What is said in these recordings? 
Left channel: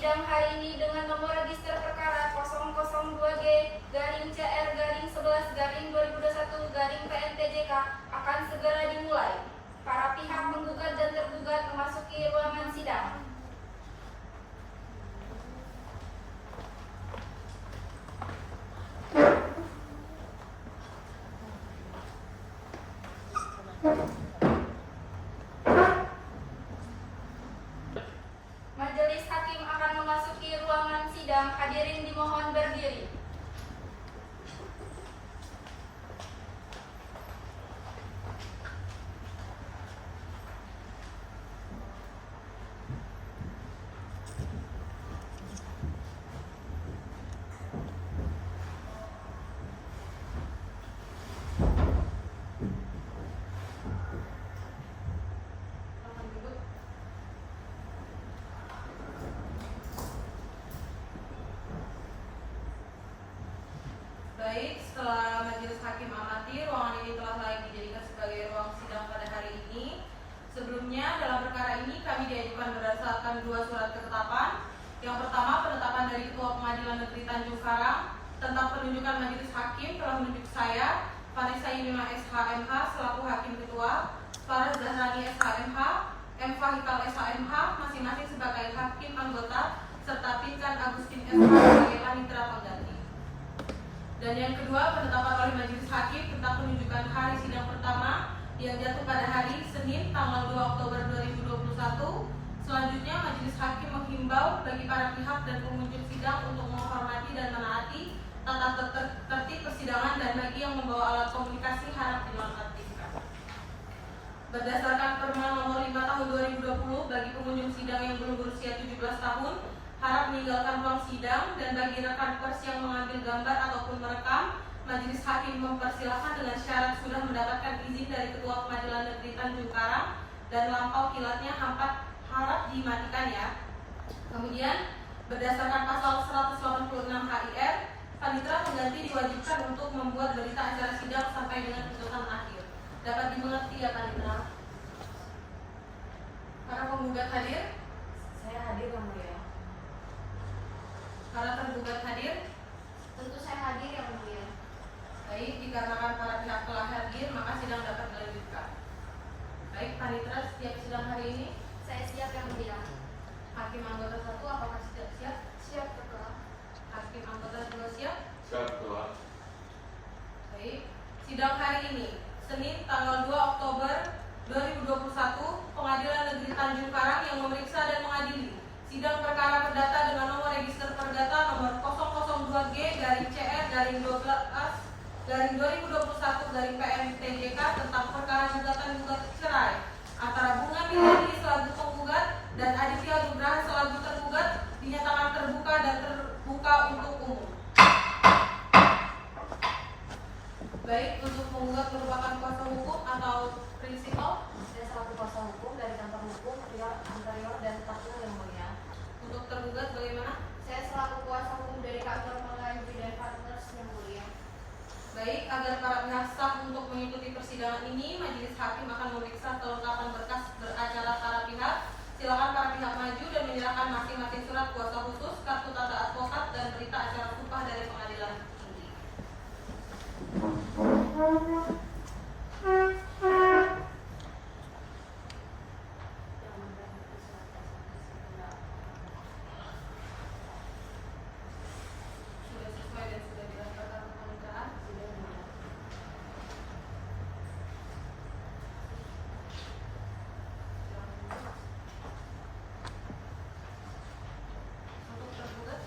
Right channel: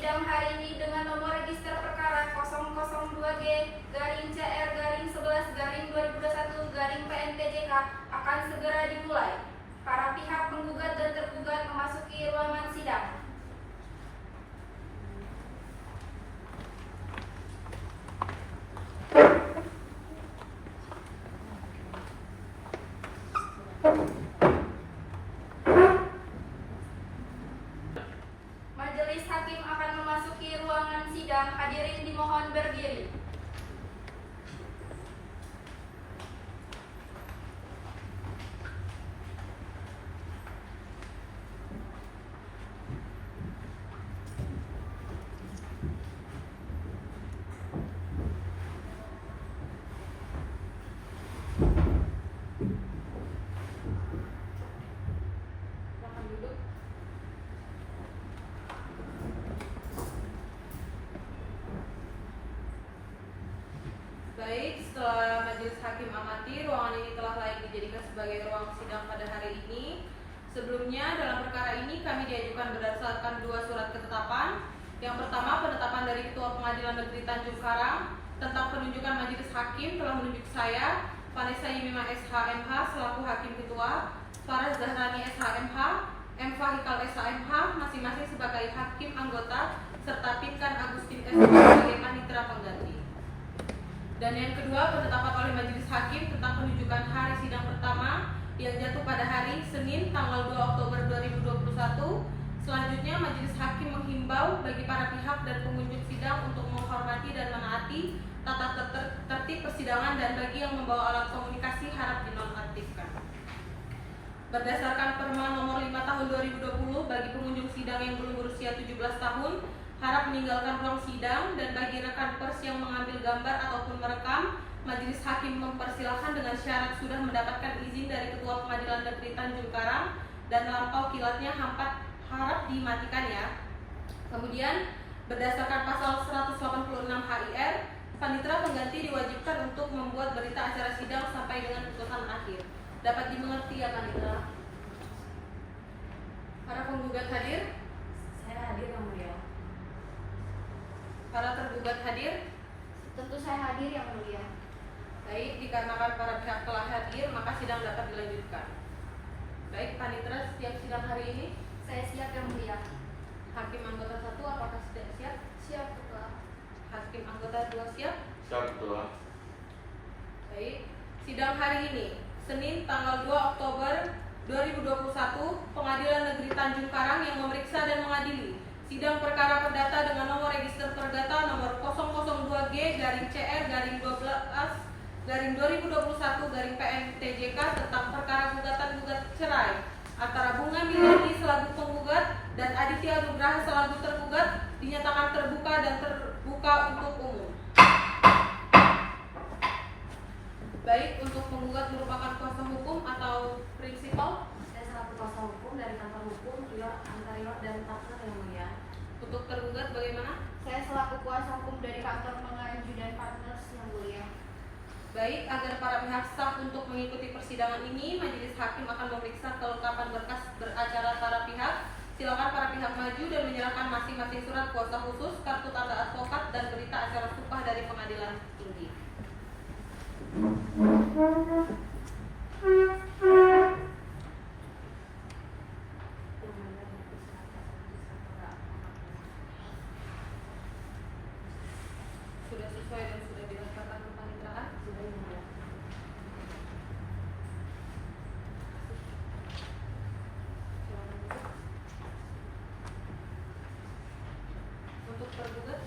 sidang hari ini dengan nomor register perkara 002G/CR/11/2021 akan segera dimulai. Para pihak menggugat dan tergugat memasuki ruangan sidang. Majelis hakim akan memasuki ruangan sidang. Hadirin dimohon berdiri. Silakan duduk. Baik, setelah majelis hakim amati, ruangan ini telah layak dijadikan sebagai ruang sidang pada hari ini. Sebelumnya, dalam perkara ini kami diajukan berdasarkan 2 surat ketetapan. Yang pertama, penetapan dari Ketua Pengadilan Negeri Tanjung Karang tentang penunjukan majelis hakim telah menunjuk saya, Vanessa Yimima SH.MH selaku Hakim Ketua, Farah Zahrani SH.MH, M. Fahikal SH.MH masing-masing sebagai Hakim Anggota, serta Pinkan Agustin SH sebagai Panitera Pengganti. Dan yang kedua, penetapan oleh majelis hakim tentang penunjukan hari sidang pertama yang jatuh pada hari Senin tanggal 2 Oktober 2021. Selanjutnya, majelis hakim menghimbau bagi para pihak dan pengunjung sidang untuk menghormati dan menaati tata tertib persidangan, dan bagi yang membawa alat komunikasi harap dinonaktifkan. Berdasarkan Perma nomor 5 tahun 2020, bagi pengunjung sidang yang belum berusia 17 tahun harap meninggalkan ruang sidang, dan bagi rekan pers yang mengambil gambar ataupun merekam, majelis hakim mempersilahkan dengan syarat sudah mendapatkan izin dari Ketua Pengadilan Negeri Tanjung Karang dan lampau kilatnya harap dimatikan ya. Kemudian berdasarkan pasal 186 HIR, Panitera Pengganti diwajibkan untuk membuat berita acara sidang sampai dengan putusan akhir. Dapat dimengerti ya Panitera? Para penggugat hadir? Saya hadir, Yang Mulia. Para tergugat hadir? Tentu saya hadir, Yang Mulia. Baik, dikarenakan para pihak telah hadir, maka sidang dapat dilanjutkan. Baik, Panitera, setiap sidang hari ini Saya siap, Yang Mulia. Hakim anggota 1 apakah sudah siap? Siap, Ketua. Hakim anggota 2 siap? Siap, Ketua. Baik, sidang hari ini Senin tanggal 2 Oktober 2021, Pengadilan Negeri Tanjung Karang yang memeriksa dan mengadili sidang perkara perdata dengan nomor register perdata nomor 002G/CR/12/2021/PN-TJK tentang perkara gugatan cerai antara Bunga Miliani selaku penggugat dan Aditya Nugraha selaku tergugat dinyatakan terbuka dan terbuka untuk umum. Baik, untuk penggugat merupakan kuasa hukum atau prinsipal? Saya selaku kuasa hukum dari kantor hukum Ria Anterior dan Tatung, Yang Mulia. Untuk tergugat bagaimana? Saya selaku kuasa hukum dari kantor Pengayom dan Partners, Yang Mulia. Baik, agar para pihak sah untuk mengikuti persidangan ini, majelis hakim akan memeriksa kelengkapan berkas beracara para pihak. Silakan para pihak maju dan menyerahkan masing-masing surat kuasa khusus, kartu tanda advokat, dan berita acara sumpah dari pengadilan tinggi. Sudah sesuai dan sudah didaftarkan kepaniteraan? Sudah, Yang Mulia. Untuk tergugat?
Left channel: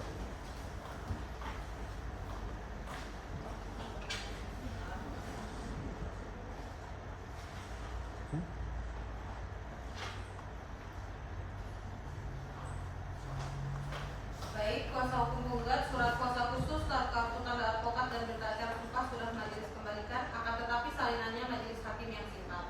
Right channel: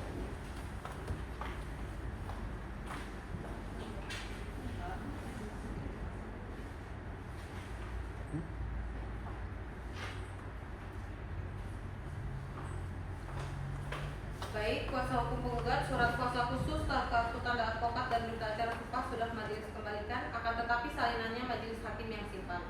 Baik, kuasa hukum penggugat, surat kuasa khusus, kartu tanda advokat, dan berita acara sumpah sudah majelis kembalikan, akan tetapi salinannya majelis hakim yang simpan.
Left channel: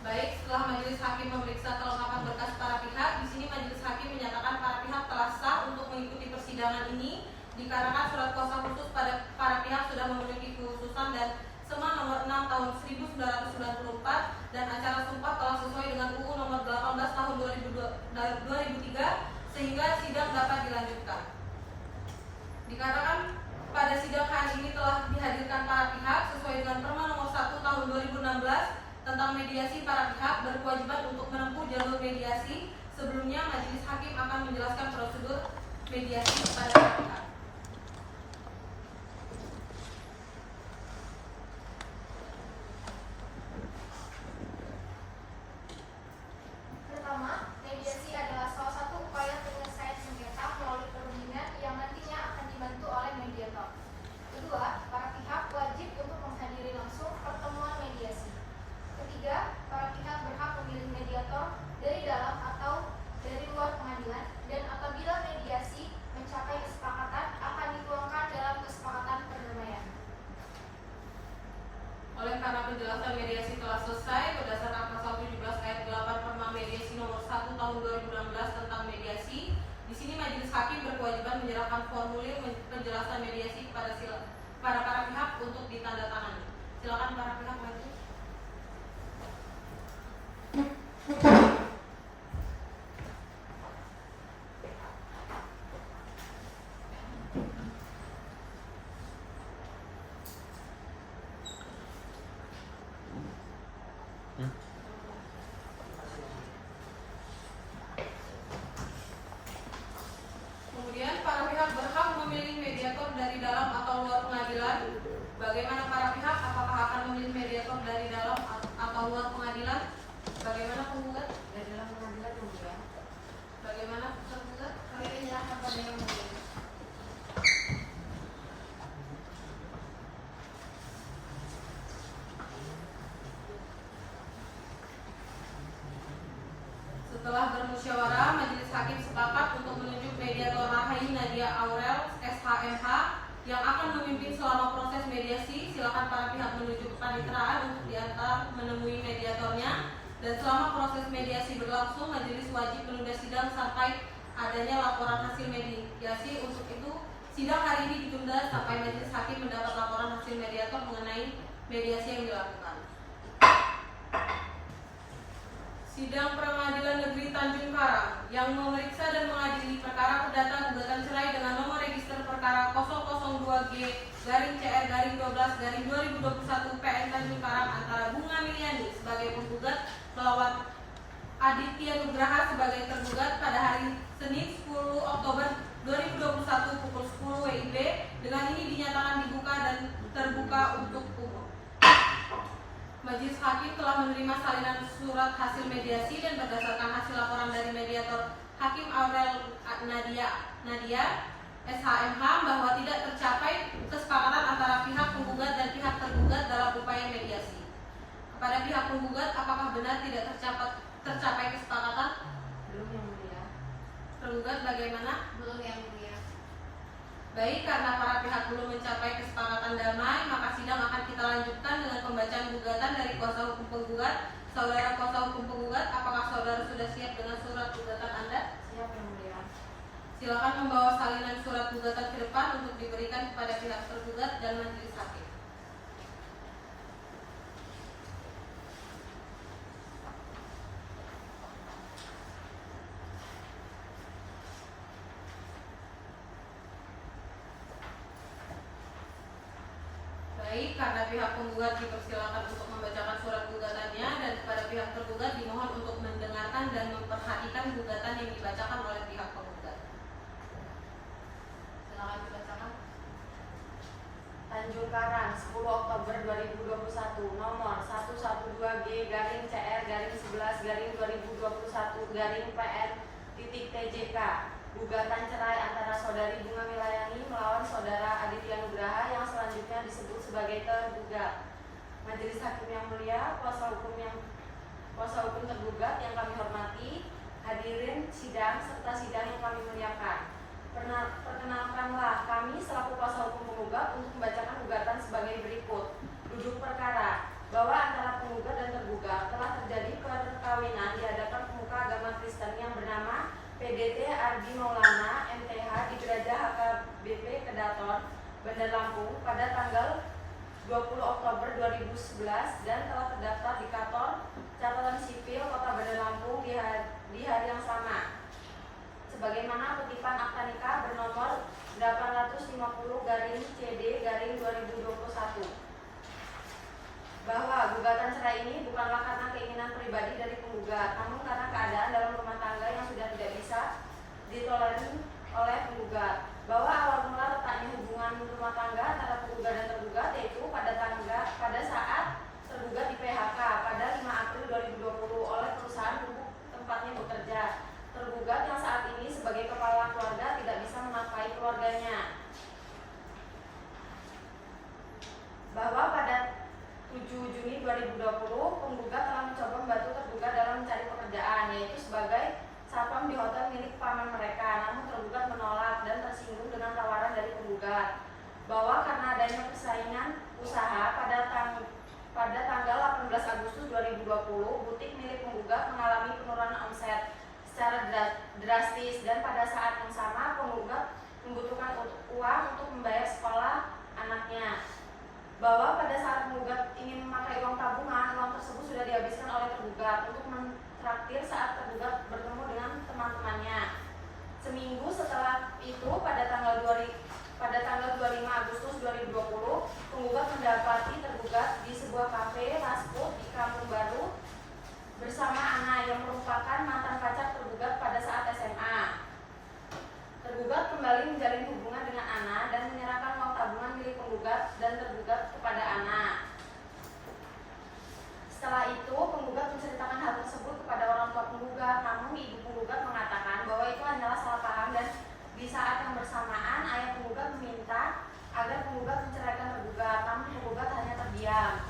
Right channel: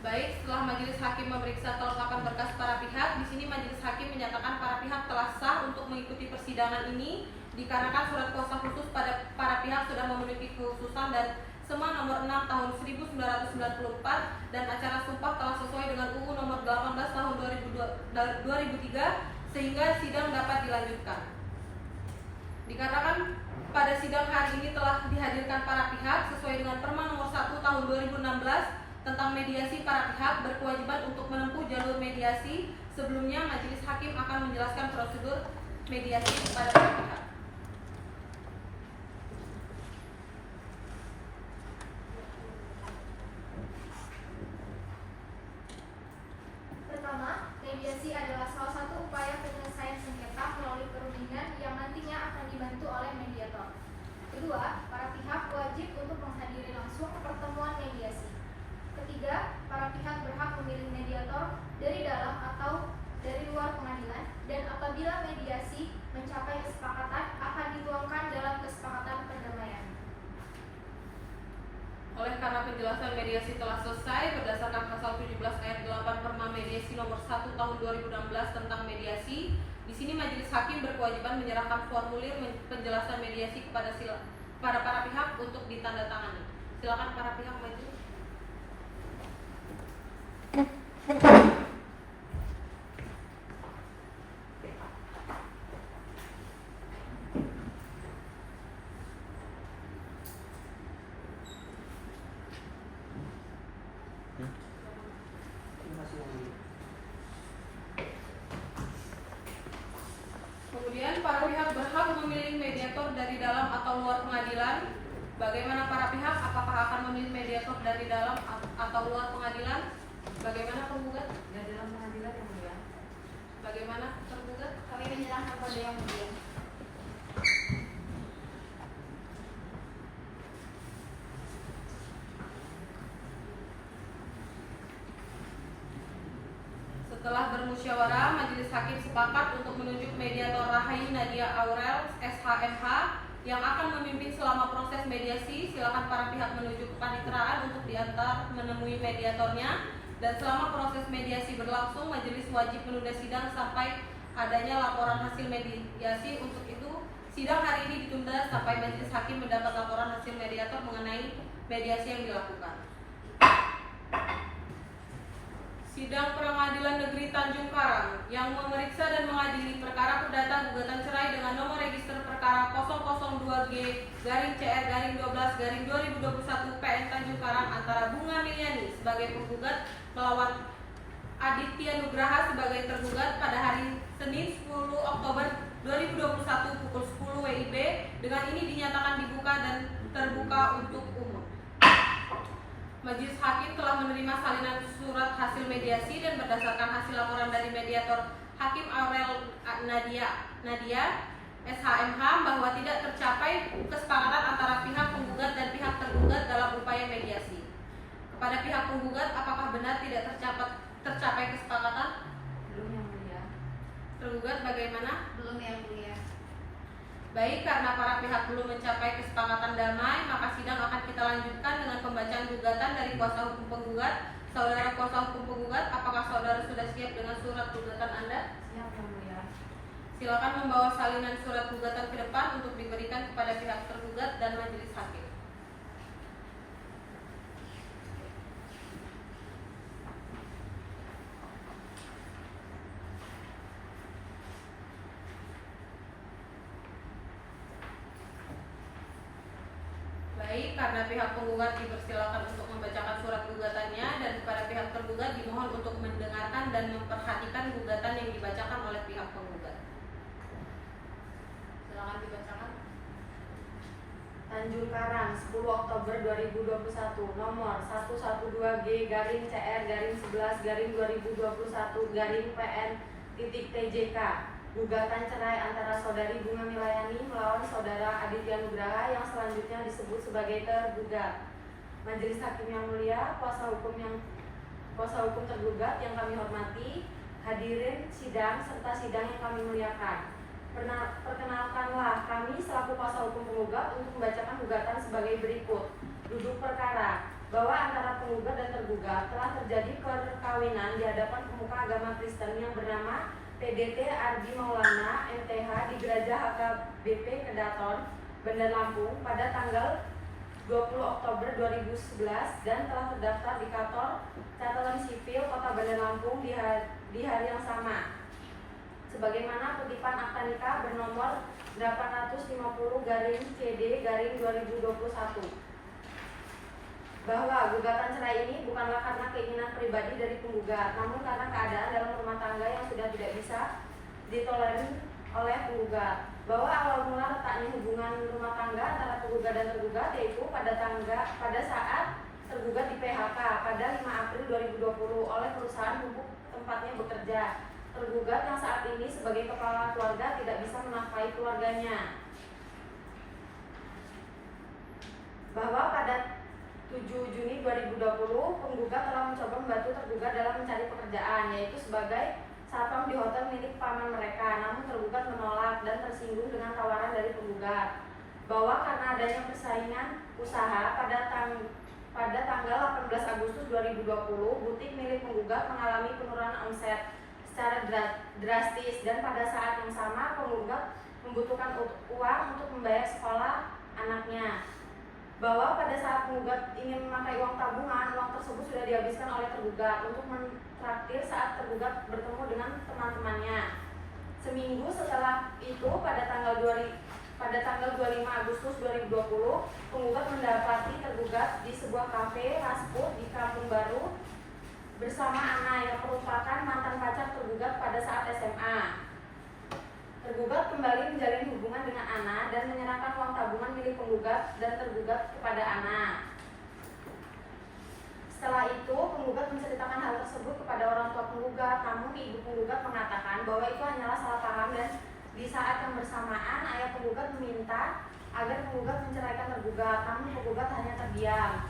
Baik, setelah majelis hakim memeriksa kelengkapan berkas para pihak, di sini majelis hakim menyatakan para pihak telah sah untuk mengikuti persidangan ini dikarenakan surat kuasa khusus pada para pihak sudah memiliki kekhususan dan SEMA nomor 6 tahun 1994 dan acara sumpah telah sesuai dengan UU nomor 18 tahun 2003 sehingga sidang dapat dilanjutkan. Dikarenakan pada sidang hari ini telah dihadirkan para pihak sesuai dengan Perma nomor 1 tahun 2016 tentang mediasi, para pihak berkewajiban untuk menempuh jalur mediasi. Sebelumnya majelis hakim akan menjelaskan prosedur mediasi kepada para pihak. Pertama, mediasi adalah salah satu upaya penyelesaian sengketa melalui perundingan yang nantinya akan dibantu oleh mediator. Kedua, para pihak wajib untuk menghadiri langsung pertemuan mediasi. Ketiga, para pihak berhak memilih mediator dari dalam atau dari luar pengadilan, dan apabila mediasi mencapai kesepakatan akan dituangkan dalam kesepakatan perdamaian. Oleh karena penjelasan mediasi telah selesai berdasarkan pasal 17 ayat 8 Perma Mediasi nomor 1 tahun 2016 tentang mediasi, di sini majelis hakim berkewajiban menyerahkan formulir penjelasan mediasi kepada para pihak untuk ditandatangani. Silakan para pihak maju. Kemudian para pihak berhak memilih mediator dari dalam atau luar pengadilan. Bagaimana para pihak? Apakah akan memilih mediator dari dalam atau luar pengadilan? Bagaimana penggugat? Dari dalam pengadilan kemudian. Bagaimana tergugat? Kami inilah kepada yang memilih. Setelah bermusyawarah, majelis hakim sepakat untuk menunjuk mediator Rahai Nadia Aurel, SHMH, yang akan memimpin selama proses mediasi. Silakan para pihak menuju kepaniteraan untuk diantar menemui mediatornya. Dan selama proses mediasi berlangsung, majelis wajib menunda sidang sampai adanya laporan hasil mediasi. Untuk itu, sidang hari ini ditunda sampai majelis hakim mendapat laporan hasil mediator mengenai mediasi yang dilakukan. Sidang Pengadilan Negeri Tanjung Karang yang memeriksa dan mengadili perkara perdata gugatan cerai dengan nomor register perkara 002G-CR-12-2021 PN Tanjung Karang antara Bunga Miliani sebagai penggugat melawan Aditya Nugraha sebagai tergugat pada hari Senin 10 Oktober 2021 pukul 10 WIB. Dengan ini dinyatakan dibuka dan terbuka untuk umum. Majelis hakim telah menerima salinan surat hasil mediasi dan berdasarkan hasil laporan dari mediator Hakim Aurel Nadia SHMH bahwa tidak tercapai kesepakatan antara pihak penggugat dan pihak tergugat dalam upaya mediasi. Kepada pihak penggugat, apakah benar tidak tercapai kesepakatan? Belum yang mulia. Tergugat bagaimana? Belum yang mulia. Baik, karena para pihak belum mencapai kesepakatan damai, maka sidang akan kita lanjutkan dengan pembacaan gugatan dari kuasa hukum penggugat. Saudara kuasa hukum penggugat, apakah saudara sudah siap dengan surat gugatan Anda? Siap yang mulia. Silakan membawa salinan surat gugatan ke depan untuk diberikan kepada pihak tergugat dan majelis hakim. Baik, karena pihak penggugat dipersilakan untuk membacakan surat gugatannya dan kepada pihak tergugat dimohon untuk mendengarkan dan memperhatikan gugatan yang dibacakan oleh pihak penggugat. Silakan dibacakan. Tanjung Karang 10 Oktober 2021 nomor 112G-CR-11-2021-PN-TJK. Gugatan cerai antara saudari Bunga Milayani melawan saudara Aditya Nugraha yang selanjutnya disebut sebagai tergugat. Majelis hakim yang mulia, kuasa hukum tergugat yang kami hormati, hadirin sidang serta sidang yang kami muliakan. Perkenalkanlah kami selaku kuasa hukum penggugat untuk membacakan gugatan sebagai berikut. Duduk perkara bahwa antara penggugat dan tergugat telah terjadi perkawinan di hadapan pemuka agama Kristen yang bernama PDT Ardi Maulana MTH di Gereja HKBP Kedaton, Bandar Lampung pada tanggal 20 Oktober 2011 dan telah terdaftar di kantor catatan sipil Kota Bandar Lampung di hari yang sama. Sebagaimana kutipan akta nikah bernomor 850/CD/2021 bahwa gugatan cerai ini bukanlah karena keinginan pribadi dari penggugat, namun karena keadaan dalam rumah tangga yang sudah tidak bisa ditolerir oleh penggugat. Bahwa awal mula letaknya hubungan rumah tangga antara penggugat dan tergugat yaitu pada saat tergugat di PHK pada 5 April 2020 oleh perusahaan pupuk tempatnya bekerja. Tergugat yang saat ini sebagai kepala keluarga tidak bisa menafkahi keluarganya. Bahwa pada 7 Juni 2020 penggugat telah mencoba membantu tergugat dalam mencari pekerjaan, yaitu sebagai satpam di hotel milik paman mereka, namun tergugat menolak dan tersinggung dengan tawaran dari penggugat. Bahwa karena adanya persaingan usaha pada tanggal 18 Agustus 2020, butik milik penggugat mengalami penurunan omset secara drastis dan pada saat yang sama penggugat membutuhkan uang untuk membayar sekolah anaknya. Bahwa pada saat penggugat ingin memakai uang tabungan, uang tersebut sudah dihabiskan oleh tergugat untuk mentraktir saat tergugat bertemu dengan teman-temannya. Seminggu setelah itu pada tanggal 25 Agustus 2020, penggugat mendapati tergugat di sebuah kafe fast food di Kampung Baru bersama Ana yang merupakan mantan pacar tergugat pada saat SMA. Tergugat kembali menjalin hubungan dengan Ana dan menyerahkan uang tabungan milik penggugat dan tergugat kepada Ana. Setelah itu, penggugat menceritakan hal tersebut kepada orang tua penggugat, namun ibu penggugat mengatakan bahwa itu hanyalah salah paham dan di saat yang bersamaan ayah penggugat meminta agar penggugat menceraikan tergugat, namun penggugat hanya terdiam.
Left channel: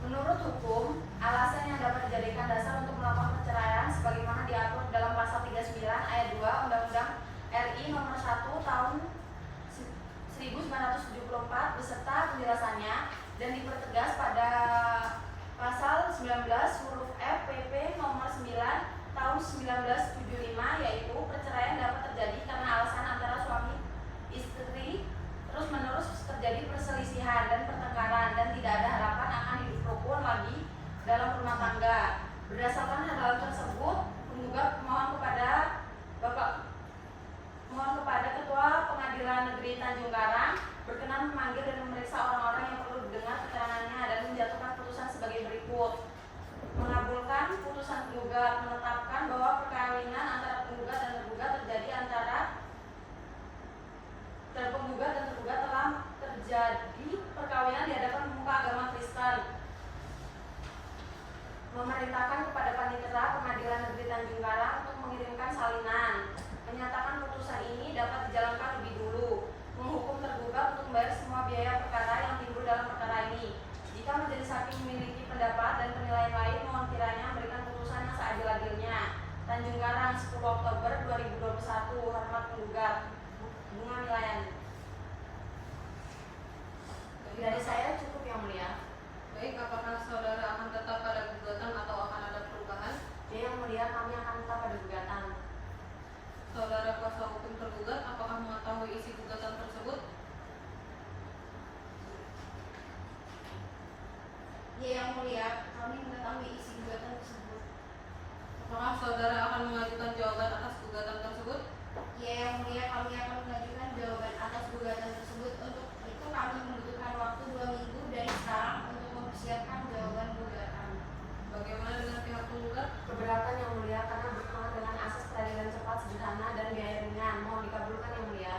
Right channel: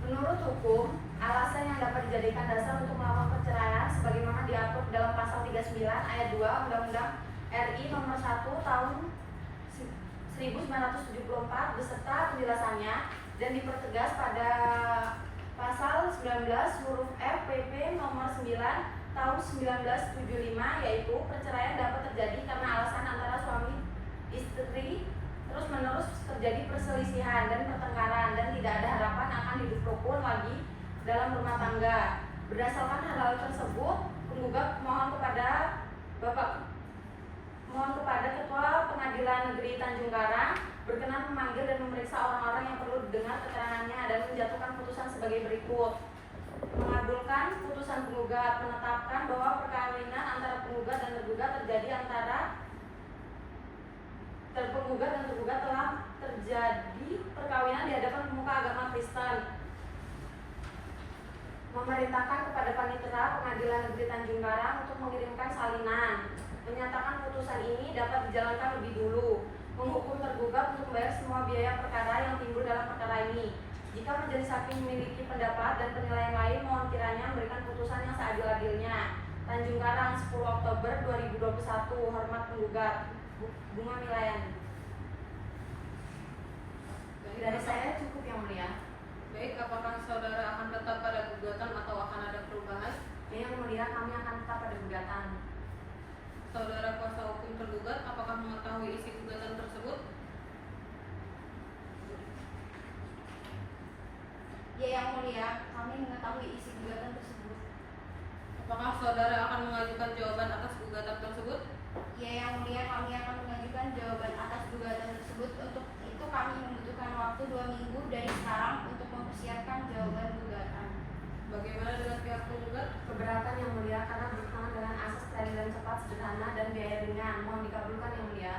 Menurut hukum, alasan yang dapat dijadikan dasar untuk melakukan perceraian sebagaimana diatur dalam pasal 39 ayat 2 Undang-Undang RI nomor 1 tahun 1974 beserta penjelasannya dan dipertegas pada pasal 19 huruf F PP nomor 9 tahun 1975, yaitu perceraian dapat terjadi karena alasan antara suami istri terus-menerus terjadi perselisihan dan pertengkaran dan tidak ada harapan akan hidup rukun lagi dalam rumah tangga. Berdasarkan hal tersebut, penggugat mohon kepada Ketua Pengadilan Negeri Tanjung Karang berkenan memanggil dan memeriksa orang-orang yang perlu didengar keterangannya dan menjatuhkan putusan sebagai berikut. Mengabulkan putusan penggugat, menetapkan bahwa perkawinan antara penggugat dan tergugat terjadi antara terpenggugat dan tergugat telah terjadi perkawinan di hadapan pemuka agama Kristen. Memerintahkan kepada Panitera Pengadilan Negeri Tanjung Karang untuk mengirimkan salinan. Menyatakan putusan ini dapat dijalankan lebih dulu. Menghukum tergugat untuk membayar semua biaya perkara yang timbul dalam perkara ini. Jika majelis hakim memiliki pendapat dan penilaian lain, mohon kiranya memberikan putusan yang seadil-adilnya. Tanjung Karang, 10 Oktober 2021. Hormat penggugat, Bunga Milayani. Dari saya cukup yang mulia. Baik, apakah saudara akan tetap pada gugatan atau akan ada perubahan? Yang mulia, kami akan tetap pada gugatan. Saudara kuasa hukum tergugat, apakah mengetahui isi gugatan tersebut? Ya, yang mulia, kami mengetahui isi gugatan tersebut. Apakah saudara akan mengajukan jawaban atas gugatan tersebut? Ya, yang mulia, kami akan mengajukan jawaban atas gugatan tersebut. Untuk itu kami membutuhkan waktu 2 minggu dari sekarang untuk mempersiapkan jawaban gugatan. Bagaimana dengan pihak penggugat? Keberatan yang mulia karena berkenaan dengan asas peradilan cepat, sederhana, dan biaya ringan. Mohon dikabulkan yang mulia.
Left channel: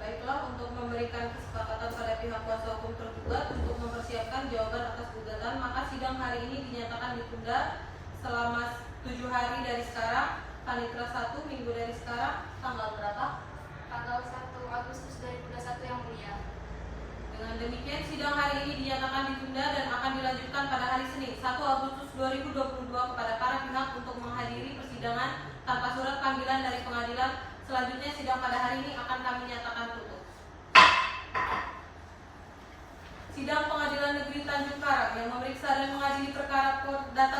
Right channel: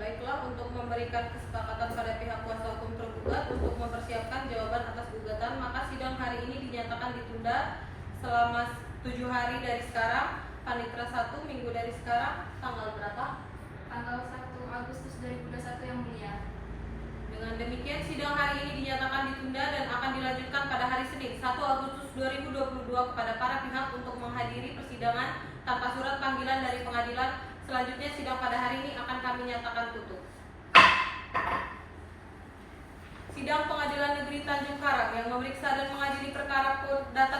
Baiklah, untuk memberikan kesepakatan pada pihak kuasa hukum tergugat untuk mempersiapkan jawaban atas gugatan, maka sidang hari ini dinyatakan ditunda selama 7 hari dari sekarang. Panitera 1 minggu dari sekarang, tanggal berapa? Tanggal 1 Agustus 2021 yang mulia. Dengan demikian, sidang hari ini dinyatakan ditunda dan akan dilanjutkan pada hari Senin 1 Agustus 2022 kepada para pihak untuk menghadiri persidangan tanpa surat panggilan dari pengadilan. Selanjutnya, sidang pada hari ini akan kami nyatakan tutup. Sidang Pengadilan Negeri Tanjung Karang yang memeriksa dan mengadili perkara data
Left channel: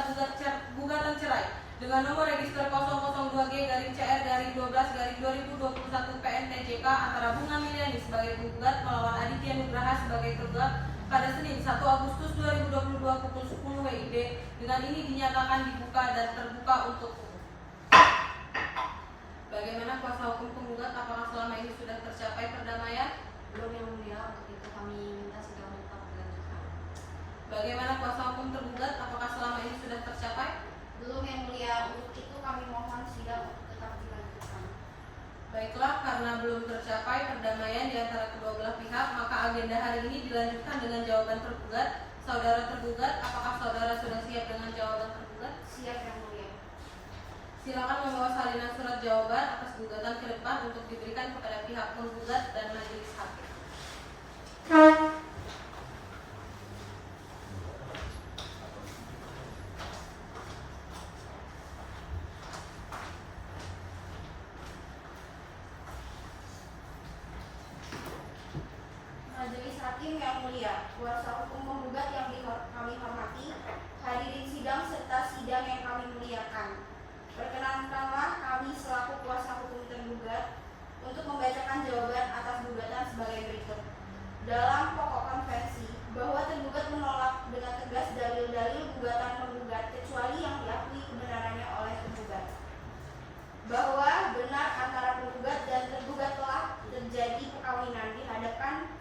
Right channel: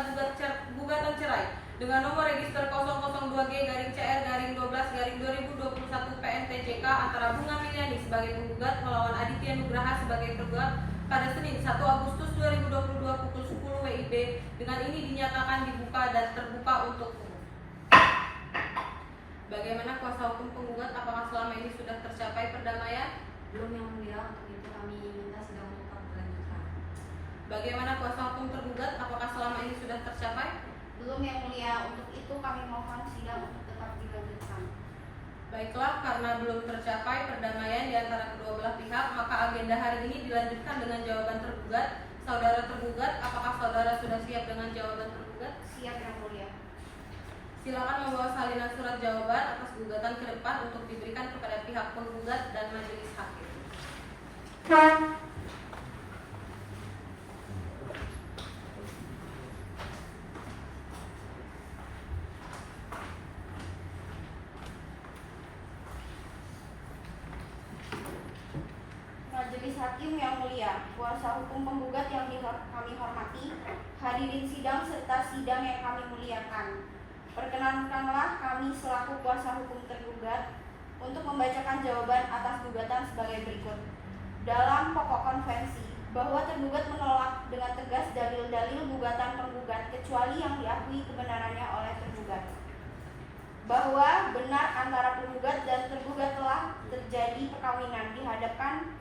gugatan cerai dengan nomor register 002G-CR-12-2021 PNTJK antara Bunga Milayani sebagai penggugat melawan Aditya Nugraha sebagai tergugat pada Senin 1 Agustus 2022 pukul 10 WIB. Dengan ini dinyatakan dibuka dan terbuka untuk umum. Bagaimana kuasa hukum penggugat? Apakah selama ini sudah tercapai perdamaian? Belum yang mulia, untuk itu kami minta sidang menetap dilanjutkan. Bagaimana kuasa hukum tergugat? Apakah selama ini sudah tercapai? Belum yang mulia, untuk itu kami mohon sidang untuk tetap dilanjutkan. Baiklah, karena belum tercapai perdamaian di antara kedua belah pihak, maka agenda hari ini dilanjutkan dengan jawaban tergugat. Saudara tergugat, apakah saudara sudah siap dengan jawaban tergugat? Siap yang mulia. Silakan membawa salinan surat jawaban atas gugatan ke depan untuk diberikan kepada pihak penggugat dan majelis hakim. Majelis Hakim yang mulia, kuasa hukum penggugat yang kami hormati, hadirin sidang serta sidang yang kami muliakan. Perkenankanlah kami selaku kuasa hukum tergugat untuk membacakan jawaban atas gugatan sebagai berikut. Dalam pokok konvensi, bahwa tergugat menolak dengan tegas dalil-dalil gugatan penggugat kecuali yang diakui kebenarannya oleh tergugat. Bahwa benar antara penggugat dan tergugat telah terjadi perkawinan di hadapan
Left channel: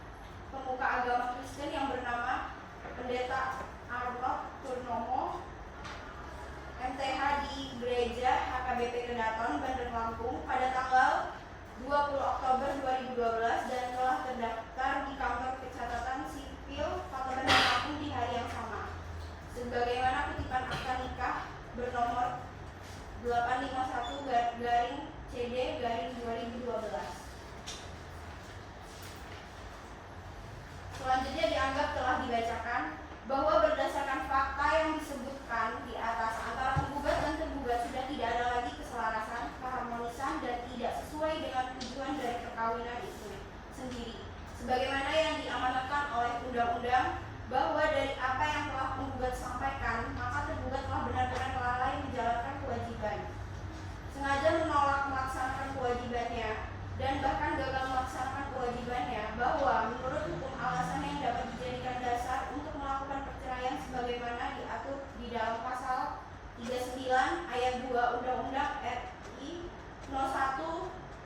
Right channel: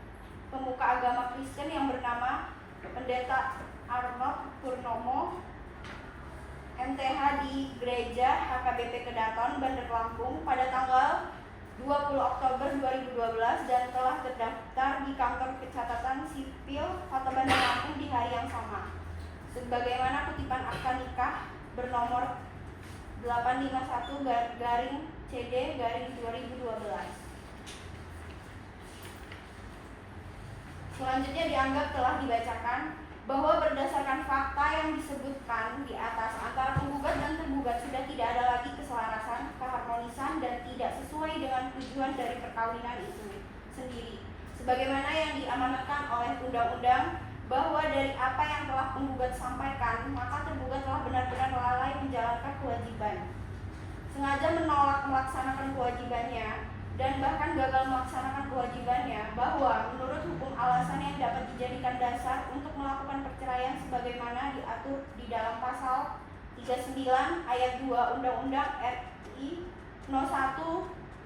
pemuka agama Kristen yang bernama Pendeta Arnold Purnomo, MTH di Gereja HKBP Kedaton, Bandar Lampung pada tanggal 20 Oktober 2012 dan telah terdaftar di kantor pencatatan sipil Kota Bandar Lampung di hari yang sama. Sebagaimana kutipan akta nikah bernomor 851/CD/2012. Selanjutnya dianggap telah dibacakan bahwa berdasarkan fakta yang disebutkan di atas, antara penggugat dan tergugat sudah tidak ada lagi keselarasan, keharmonisan, dan tidak sesuai dengan tujuan dari perkawinan itu sendiri. Sebagaimana yang diamanatkan oleh undang-undang, bahwa dari apa yang telah penggugat sampaikan, maka tergugat telah benar-benar lalai menjalankan kewajiban, sengaja menolak melaksanakan kewajibannya, dan bahkan gagal melaksanakan kewajibannya, bahwa menurut hukum alasan yang dapat dijadikan dasar untuk melakukan perceraian sebagaimana diatur di dalam pasal 39 ayat 2 Undang-Undang RI No. 1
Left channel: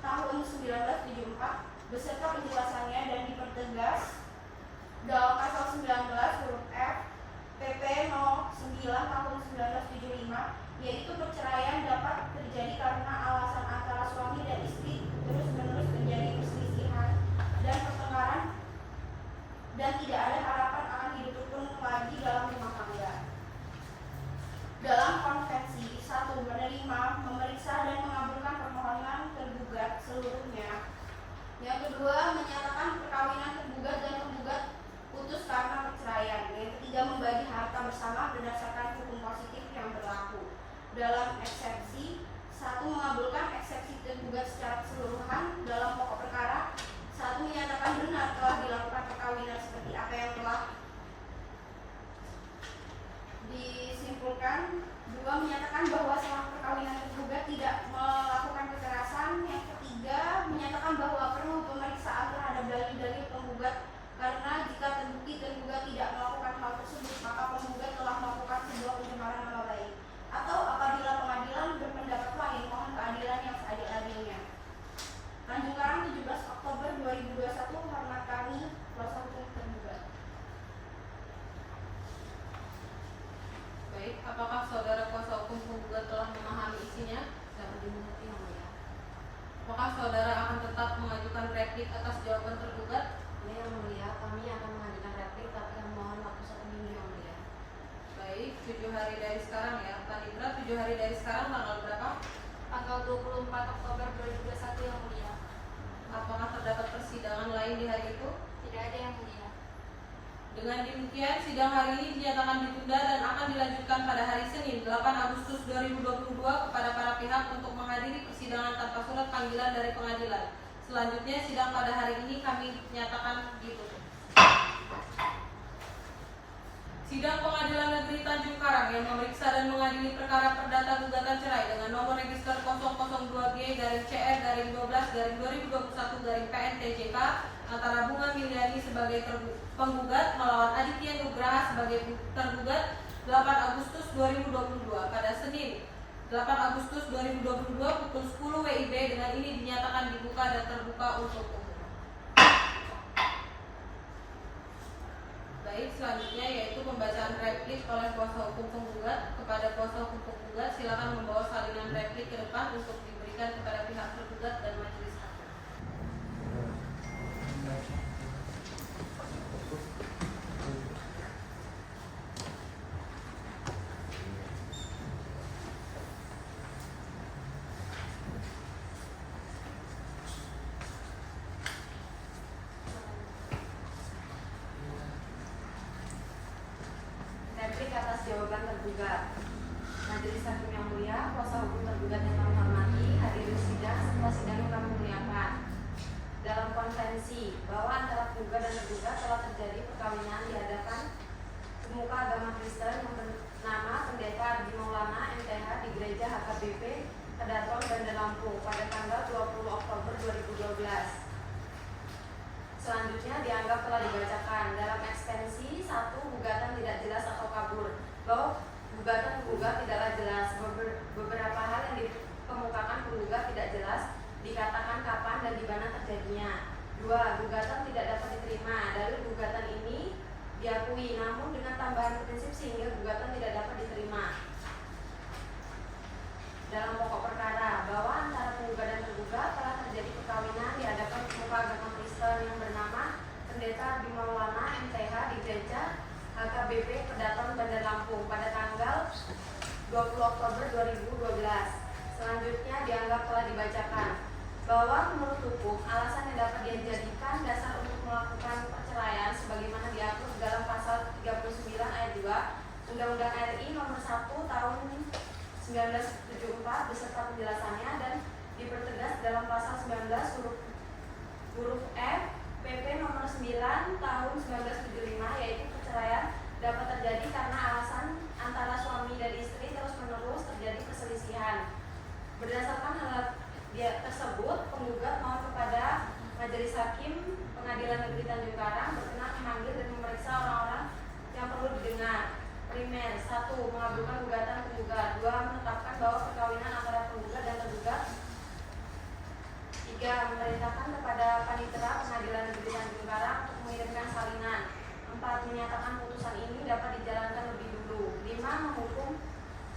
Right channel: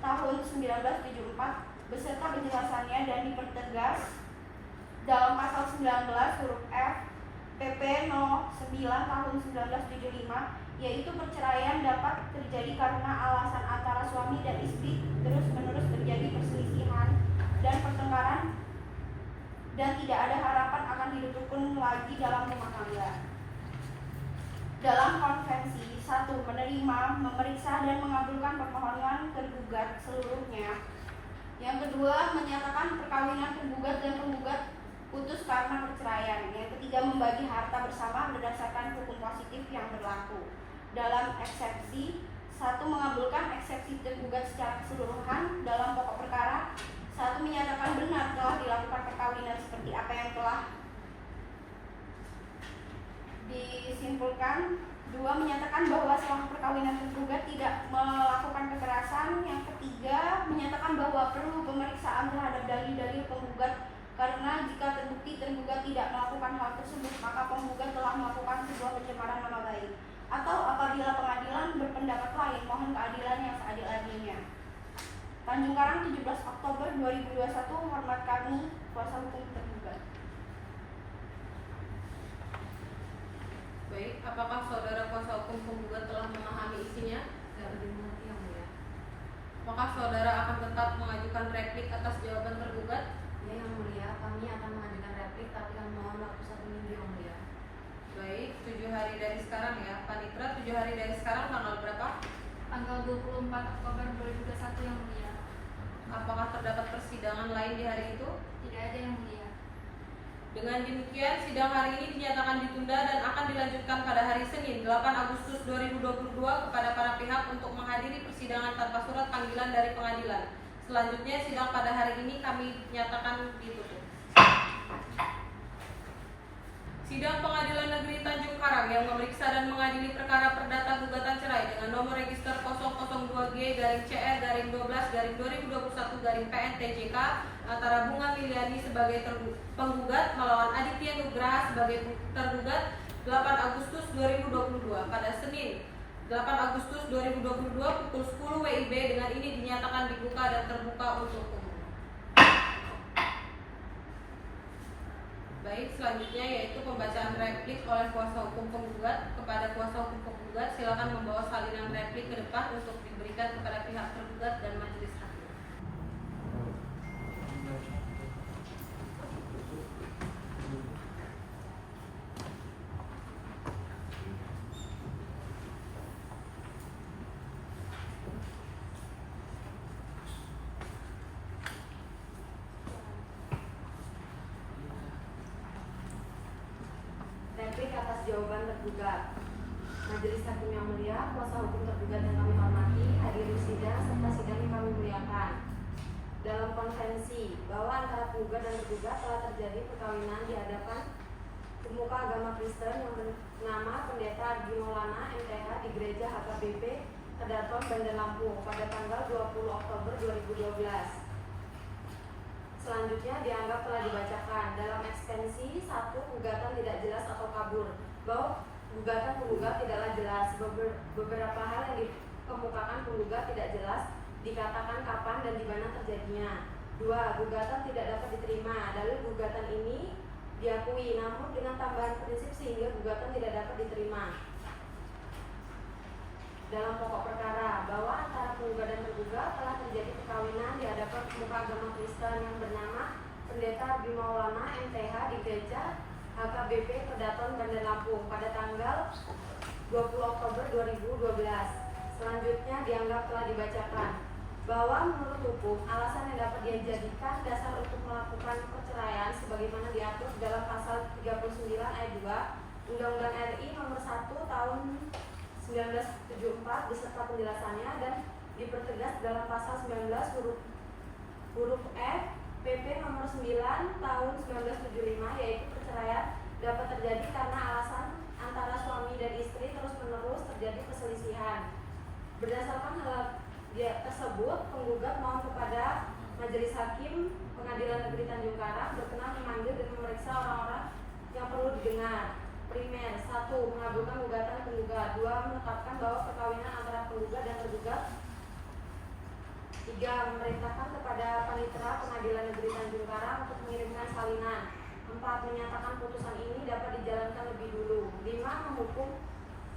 tahun 1974 beserta penjelasannya, dan dipertegas dalam pasal 19 huruf F PP No. 9 tahun 1975, yaitu perceraian dapat terjadi karena alasan antara suami dan istri terus-menerus terjadi perselisihan dan pertengkaran dan tidak ada harapan akan hidup rukun lagi dalam rumah tangga. Dalam konvensi, 1. Menerima, memeriksa, dan mengabulkan permohonan tergugat seluruhnya. Yang kedua, menyatakan perkawinan tergugat dan penggugat putus karena perceraian. Yang ketiga, membagi harta bersama berdasarkan hukum positif yang berlaku. Dalam eksepsi, 1. Mengabulkan eksepsi tergugat secara keseluruhan. Dalam pokok perkara, 1. Menyatakan benar telah dilakukan perkawinan seperti apa yang telah disimpulkan. 2. Menyatakan bahwa selama perkawinan tergugat tidak melakukan kekerasan. Yang ketiga, menyatakan bahwa perlu pemeriksaan terhadap dalil-dalil penggugat, karena jika terbukti tergugat tidak melakukan hal tersebut, maka penggugat telah melakukan sebuah pencemaran nama baik. Atau apabila pengadilan berpendapat lain, mohon keadilan yang seadil-adilnya. Tanjung Karang, 17 Oktober 2021. Hormat kami, kuasa hukum tergugat. Baik, apakah saudara kuasa hukum penggugat telah memahami isinya? Dapat dimengerti yang mulia. Apakah saudara akan tetap mengajukan replik atas jawaban tergugat? Ya yang mulia, kami akan mengajukan replik, tapi kami mohon waktu 1 minggu yang mulia. Baik, 7 hari dari sekarang ya, Panitra. 7 hari dari sekarang tanggal berapa? Tanggal 24 Oktober 2021 yang mulia. Apakah terdapat persidangan lain di hari itu? Tidak ada yang mulia. Dengan demikian, sidang hari ini dinyatakan ditunda dan akan dilanjutkan pada hari Senin 8 Agustus 2022 kepada para pihak untuk menghadiri persidangan tanpa surat panggilan dari pengadilan. Selanjutnya, sidang pada hari ini kami nyatakan ditutup. Sidang Pengadilan Negeri Tanjung Karang yang memeriksa dan mengadili perkara perdata gugatan cerai dengan nomor register 002G-CR-12 12/2021/PN-TJK antara Bunga Miliani sebagai penggugat melawan Aditya Nugraha sebagai tergugat 8 Agustus 2022 pada Senin 8 Agustus 2022 pukul 10 WIB. Dengan ini dinyatakan dibuka dan terbuka untuk umum. Baik, selanjutnya yaitu pembacaan replik oleh kuasa hukum penggugat kepada kuasa hukum penggugat. Silakan membawa salinan replik ke depan untuk diberikan kepada pihak tergugat dan majelis hakim. Replik atas jawaban tergugat. Majelis Hakim yang mulia, kuasa hukum tergugat yang kami hormati, hadirin sidang serta sidang yang kami muliakan. Dalam konvensi bahwa antara penggugat dan tergugat telah terjadi perkawinan di hadapan pemuka agama Kristen yang bernama Pendeta Ardi Maulana MTH di Gereja HKBP Kedaton Bandar Lampung pada tanggal 20 Oktober 2012. Selanjutnya dianggap telah dibacakan. Dalam ekstensi 1, gugatan tidak jelas atau kabur. Bahwa gugatan penggugat tidaklah jelas. Beberapa hal yang dikemukakan penggugat tidak jelas, dikatakan kapan dan di mana terjadinya. 2. Gugatan tidak dapat diterima. Dalil gugatan ini diakui, namun dengan tambahan prinsip sehingga gugatan tidak dapat diterima. Dalam pokok perkara bahwa antara penggugat dan tergugat telah terjadi perkawinan di hadapan pemuka agama Kristen yang bernama Pendeta Ardi Maulana MTH di Gereja HKBP Kedaton Bandar Lampung pada tanggal 20 Oktober 2012. Selanjutnya dianggap telah dibacakan bahwa menurut hukum alasan yang dapat dijadikan dasar untuk melakukan perceraian sebagaimana diatur dalam pasal 39 ayat 2 Undang-Undang RI nomor 1 tahun 1974 beserta penjelasannya dan dipertegas dalam pasal 19 huruf F PP nomor 9 tahun 1975, yaitu perceraian dapat terjadi karena alasan antara suami dan istri terus-menerus terjadi perselisihan. Berdasarkan hal tersebut, penggugat mohon kepada Majelis Hakim Pengadilan Negeri Tanjung Karang berkenan memanggil dan memeriksa orang-orang yang perlu didengar. Primer, 1. Mengabulkan gugatan penggugat. 2. Menetapkan bahwa perkawinan antara penggugat dan tergugat. 3. Memerintahkan kepada Panitera Pengadilan Negeri Tanjung Karang untuk mengirimkan salinan. 4. Menyatakan putusan ini dapat dijalankan lebih dulu. 5. Menghukum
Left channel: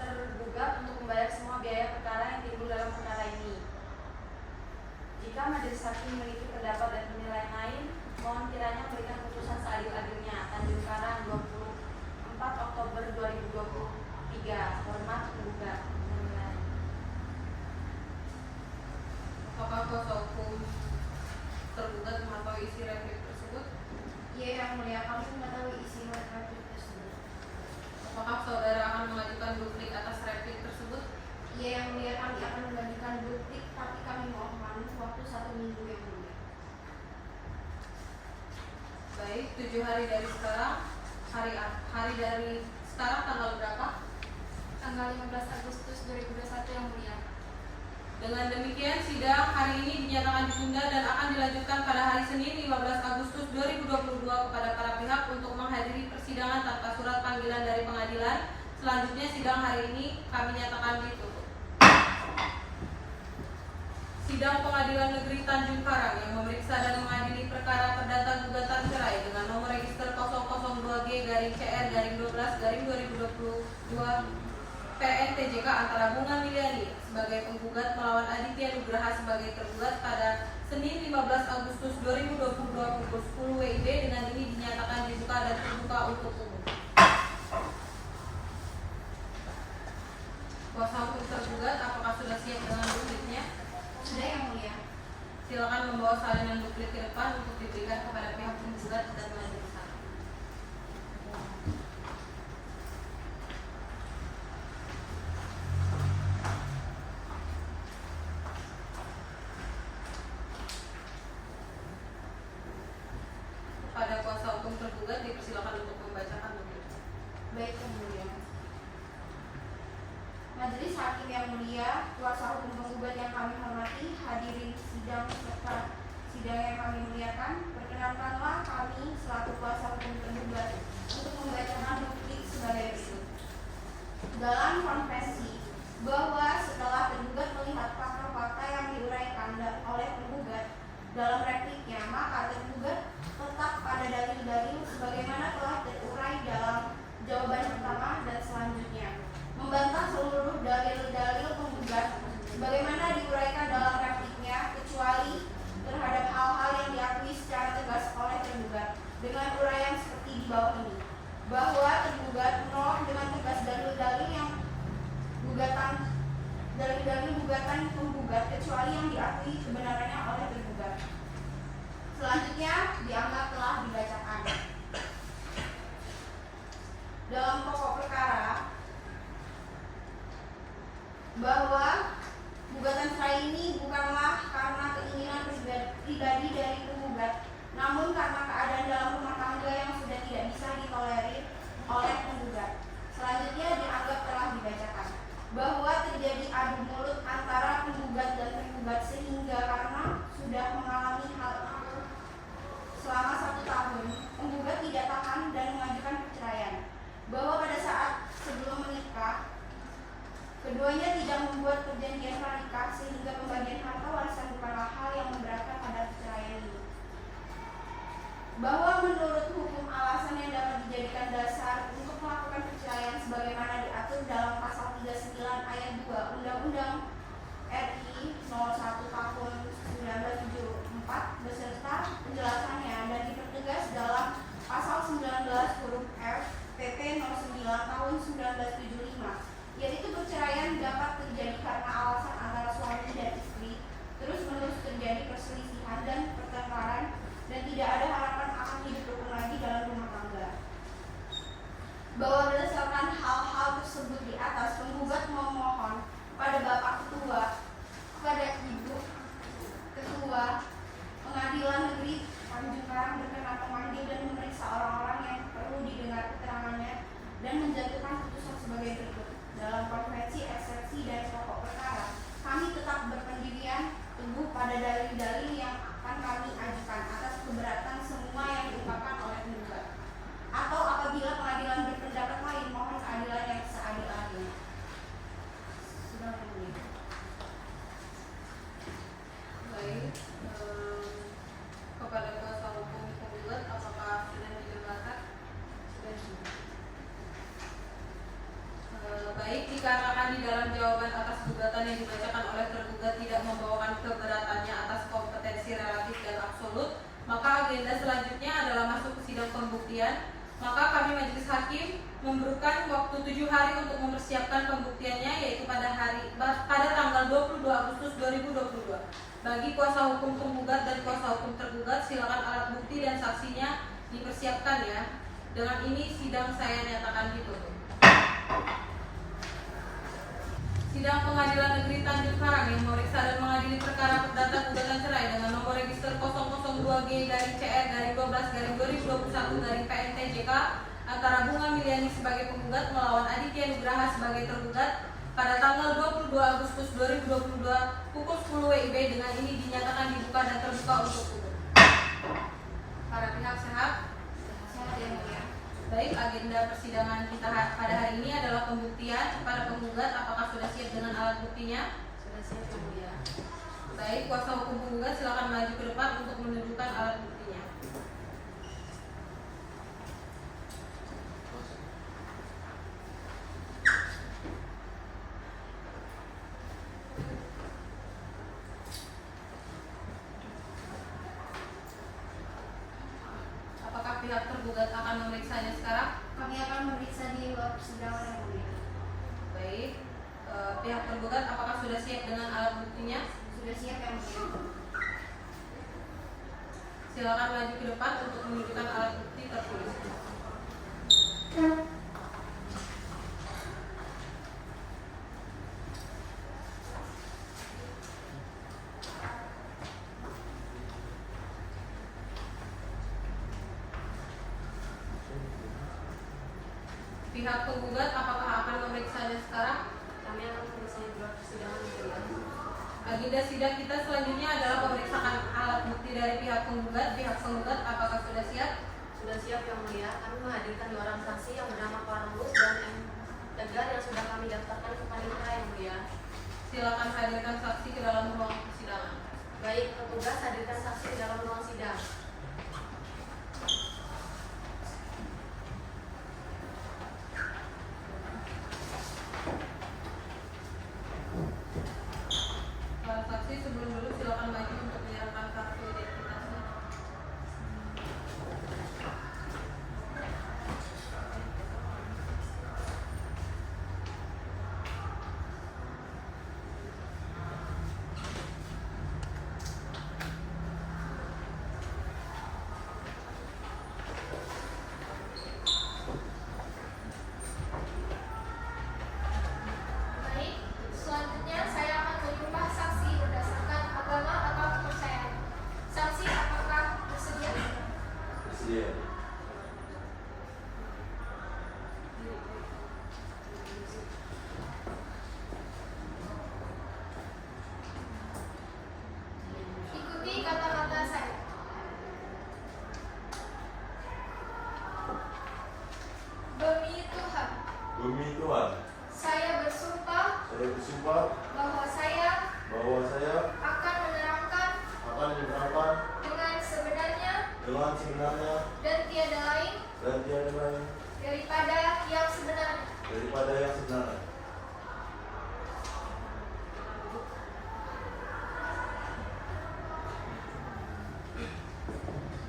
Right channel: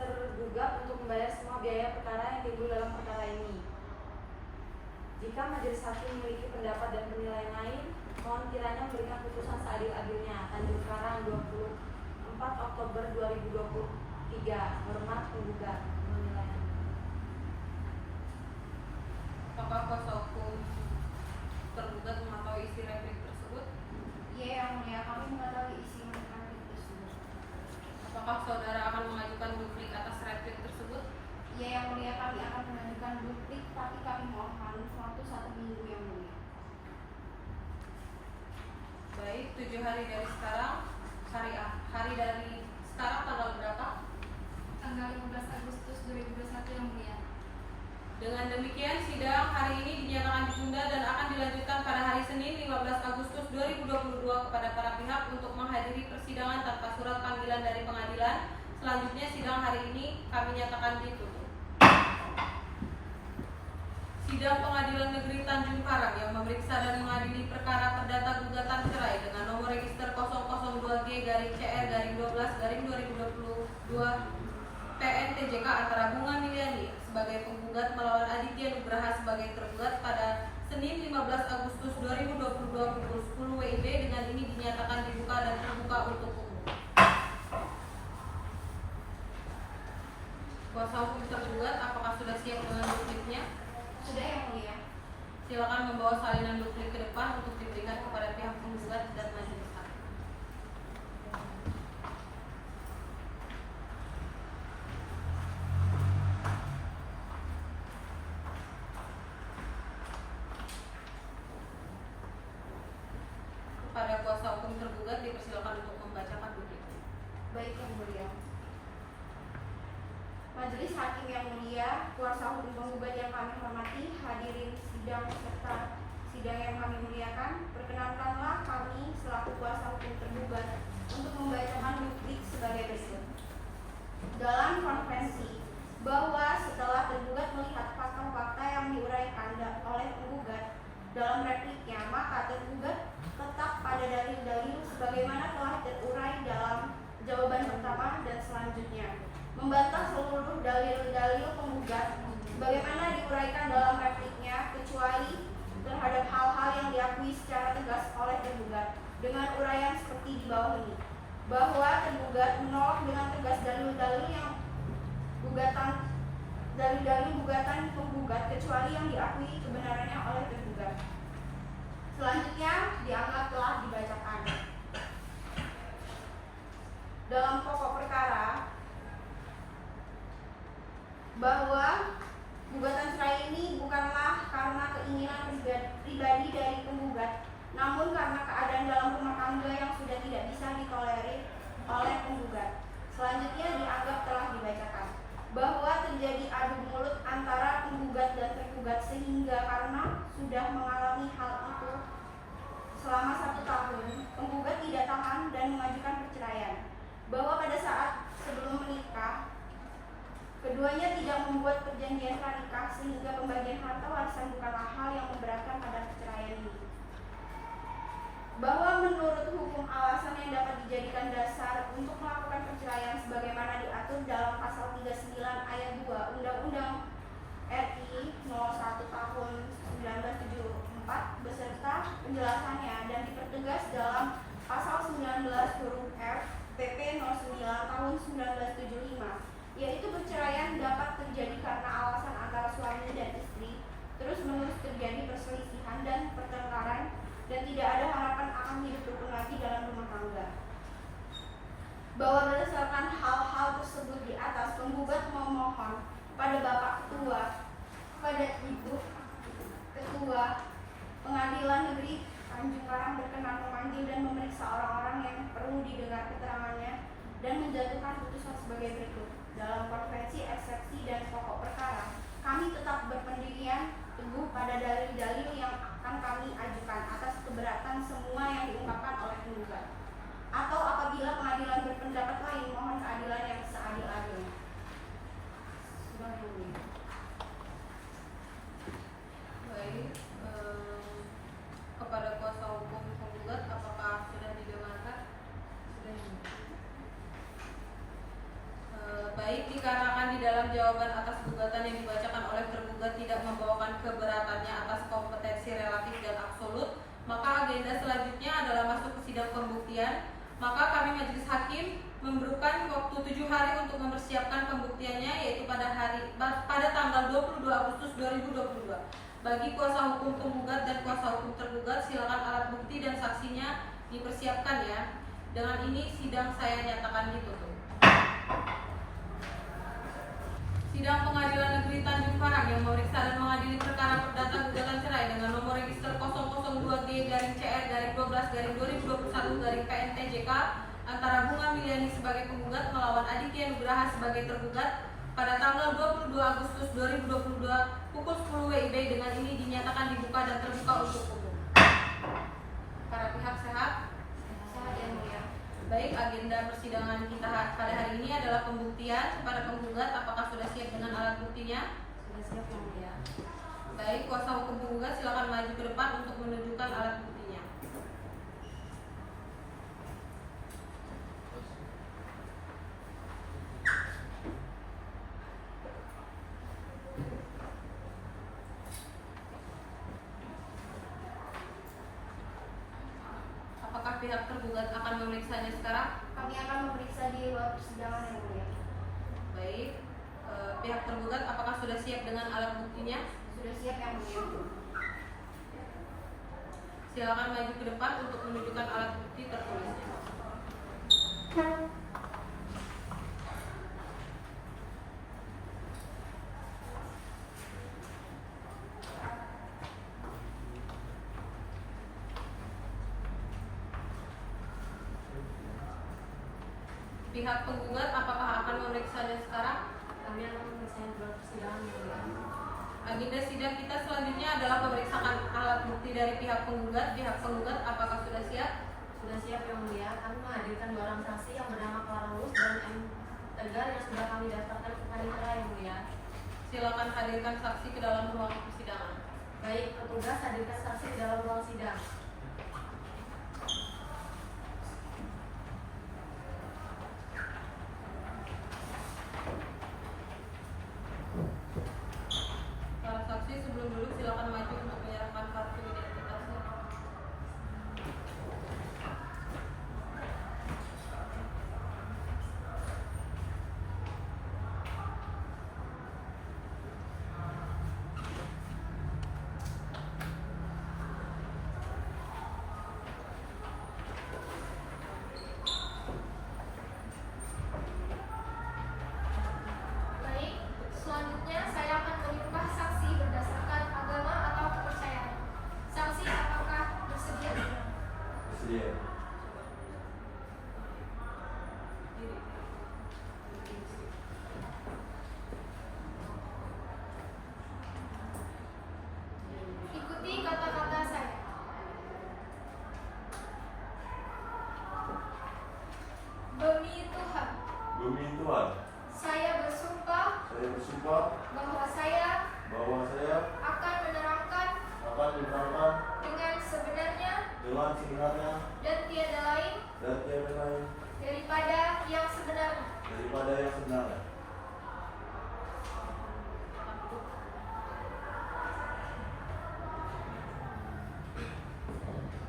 tergugat untuk membayar semua biaya perkara yang timbul dalam perkara ini. Jika Majelis Hakim memiliki pendapat dan penilaian lain, mohon kiranya memberikan putusan seadil-adilnya. Tanjung Karang 24 Oktober 2023. Hormat penggugat. Menilai. Apakah kuasa hukum tergugat mengetahui isi replik tersebut? Iya, yang mulia, kami mengetahui isi replik tersebut. Apakah saudara akan mengajukan duplik atas replik tersebut? Iya, yang mulia, kami akan mengajukan duplik, tapi kami mohon waktu 1 minggu yang mulia. Baik, 7 hari dari sekarang. Hari dari sekarang tanggal berapa? Tanggal 15 Agustus 2021 yang mulia. Dengan demikian, sidang hari ini dinyatakan ditunda dan akan dilanjutkan pada hari Senin 15 Agustus 2022 kepada para pihak untuk menghadiri persidangan tanpa surat panggilan dari pengadilan. Selanjutnya, sidang hari ini kami nyatakan ditutup. Sidang Pengadilan Negeri Tanjung Karang yang memeriksa dan mengadili perkara perdata gugatan cerai dengan nomor register 002G-CR-12-2022 PN-TJK antara Bunga Miliani sebagai penggugat melawan Aditya Nugraha sebagai tergugat pada Senin 15 Agustus 2022 pukul 10 WIB. Dengan ini dinyatakan dibuka dan terbuka untuk umum. Kuasa hukum tergugat, apakah sudah siap dengan dupliknya? Sudah yang mulia. Silakan membawa salinan duplik ke depan untuk diberikan kepada pihak penggugat dan majelis hakim. Kepada kuasa hukum tergugat dipersilakan untuk membacakan duplik. Baik yang mulia. Majelis Hakim yang mulia, kuasa hukum penggugat yang kami hormati, hadirin sidang sidang serta sidang yang kami muliakan, perkenankanlah kami selaku kuasa hukum tergugat untuk membacakan bukti sebagai berikut. Dalam konvensi bahwa setelah tergugat melihat fakta-fakta yang diuraikan oleh penggugat dalam repliknya, maka tergugat tetap pada dalil-dalil sebagaimana telah terurai dalam jawaban pertama dan selanjutnya, membantah seluruh dalil-dalil penggugat sebagaimana diuraikan dalam repliknya kecuali terhadap hal-hal yang diakui secara tegas oleh tergugat dengan uraian seperti di bawah ini, bahwa tergugat menolak dengan tegas dalil-dalil gugatan penggugat kecuali yang diakui kebenarannya oleh tergugat. Selanjutnya dianggap telah dibacakan. Dalam pokok perkara bahwa gugatan cerai ini bukanlah karena keinginan pribadi dari penggugat, namun karena keadaan dalam rumah tangga yang sudah tidak bisa ditolerir oleh penggugat. Selanjutnya dianggap telah dibacakan bahwa terjadi adu mulut antara penggugat dan tergugat sehingga karena sudah mengalami hal itu selama 1 tahun, penggugat tidak tahan dan mengajukan perceraian. Bahwa pada saat sebelum menikah, keduanya tidak membuat perjanjian pranikah sehingga pembagian harta warisan bukanlah hal yang memberatkan pada perceraian ini. Bahwa menurut hukum alasan yang dapat dijadikan dasar untuk melakukan perceraian sebagaimana diatur dalam pasal 39 ayat 2 Undang-Undang RI 01 tahun 1974 beserta penjelasannya dan dipertegas dalam pasal 19 huruf F PP 09 tahun 1975, yaitu perceraian dapat terjadi karena alasan antara suami dan istri terus-menerus terjadi perselisihan dan pertengkaran dan tidak ada harapan akan hidup rukun lagi dalam rumah tangga. Bahwa berdasarkan hal-hal tersebut di atas, penggugat memohon pada Bapak Ketua, kepada Ibu Ketua Pengadilan Negeri Tanjung Karang berkenan memanggil dan memeriksa orang-orang yang perlu didengar keterangannya dan menjatuhkan putusan sebagai berikut. Dalam konvensi, eksepsi, dan pokok perkara, kami tetap berpendirian teguh pada dalil-dalil yang akan kami ajukan atas keberatan semua yang diungkapkan oleh penggugat. Atau apabila pengadilan berpendapat lain, mohon keadilan yang seadil-adilnya. Sudah mulia. Baik, kepada kuasa hukum penggugat, apakah sudah didengarkan? Baik, dikarenakan di dalam jawaban atas gugatan yang dibacakan oleh tergugat tidak membawakan keberatannya atas kompetensi relatif dan absolut, maka agenda selanjutnya adalah masuk ke sidang pembuktian. Maka kami majelis hakim memberikan waktu 7 hari untuk mempersiapkan pembuktiannya, yaitu pada tanggal 22 Agustus 2022. Bagi kuasa hukum penggugat dan kuasa hukum tergugat, silakan alat bukti dan saksinya dipersiapkan ya. Dengan ini sidang saya nyatakan ditutup. Sidang Pengadilan Negeri Tanjung Karang yang memeriksa dan mengadili perkara perdata gugatan cerai dengan nomor register 002G-CR-12-2021-PNTJK antara Bunga Miliani sebagai penggugat melawan Aditya Nugraha sebagai tergugat pada tanggal 22 Agustus 2022 pukul 10 WIB. Dengan ini dinyatakan dibuka dan terbuka untuk umum. Para pihak sehat? Sehat ya, mulia. Baik, agenda persidangan kita pada hari ini adalah pembuktian. Para penggugat, apakah sudah siap dengan alat buktinya? Sudah siap, Yang Mulia. Baik, kuasa hukum penggugat silakan maju ke depan untuk menunjukkan alat buktinya. Apakah pihak tergugat akan memeriksanya sekarang? Kami akan memeriksa di ruang persidangan yang mulia. Baik, pihak tergugat apakah sudah siap dengan alat buktinya? Sudah siap yang mulia. Silakan maju ke depan untuk menunjukkan alat bukti tertulis. Pihak penggugat apakah akan memeriksanya sekarang? Kami akan memeriksa di ruang persidangan yang mulia. Agenda sidang kita selanjutnya adalah pemeriksaan alat bukti dari pihak penggugat. Pihak penggugat apakah sudah siap? Sudah siap yang mulia. Kami menghadirkan 2 orang saksi yang bernama Karolus dan M. Tegar yang sudah kami daftarkan ke panitera yang mulia. Silakan hadirkan saksi ke dalam ruang persidangan. Baik, petugas hadirkan saksi ke dalam ruang sidang. Para saksi sebelum duduk silakan maju untuk menyerahkan kartu identitasnya. Baik, selanjutnya saya akan menyumpah saksi berdasarkan agama atau kepercayaan. Saksi apakah bersedia? Bersedia. Ikuti kata-kata saya. Demi Tuhan, Demi Tuhan, saya bersumpah saya bersumpah bahwa saya bahwa saya akan menerangkan akan menerangkan dengan sebenarnya dengan sebenarnya dan tiada lain dan tiada lain daripada yang sebenarnya. daripada yang sebenarnya.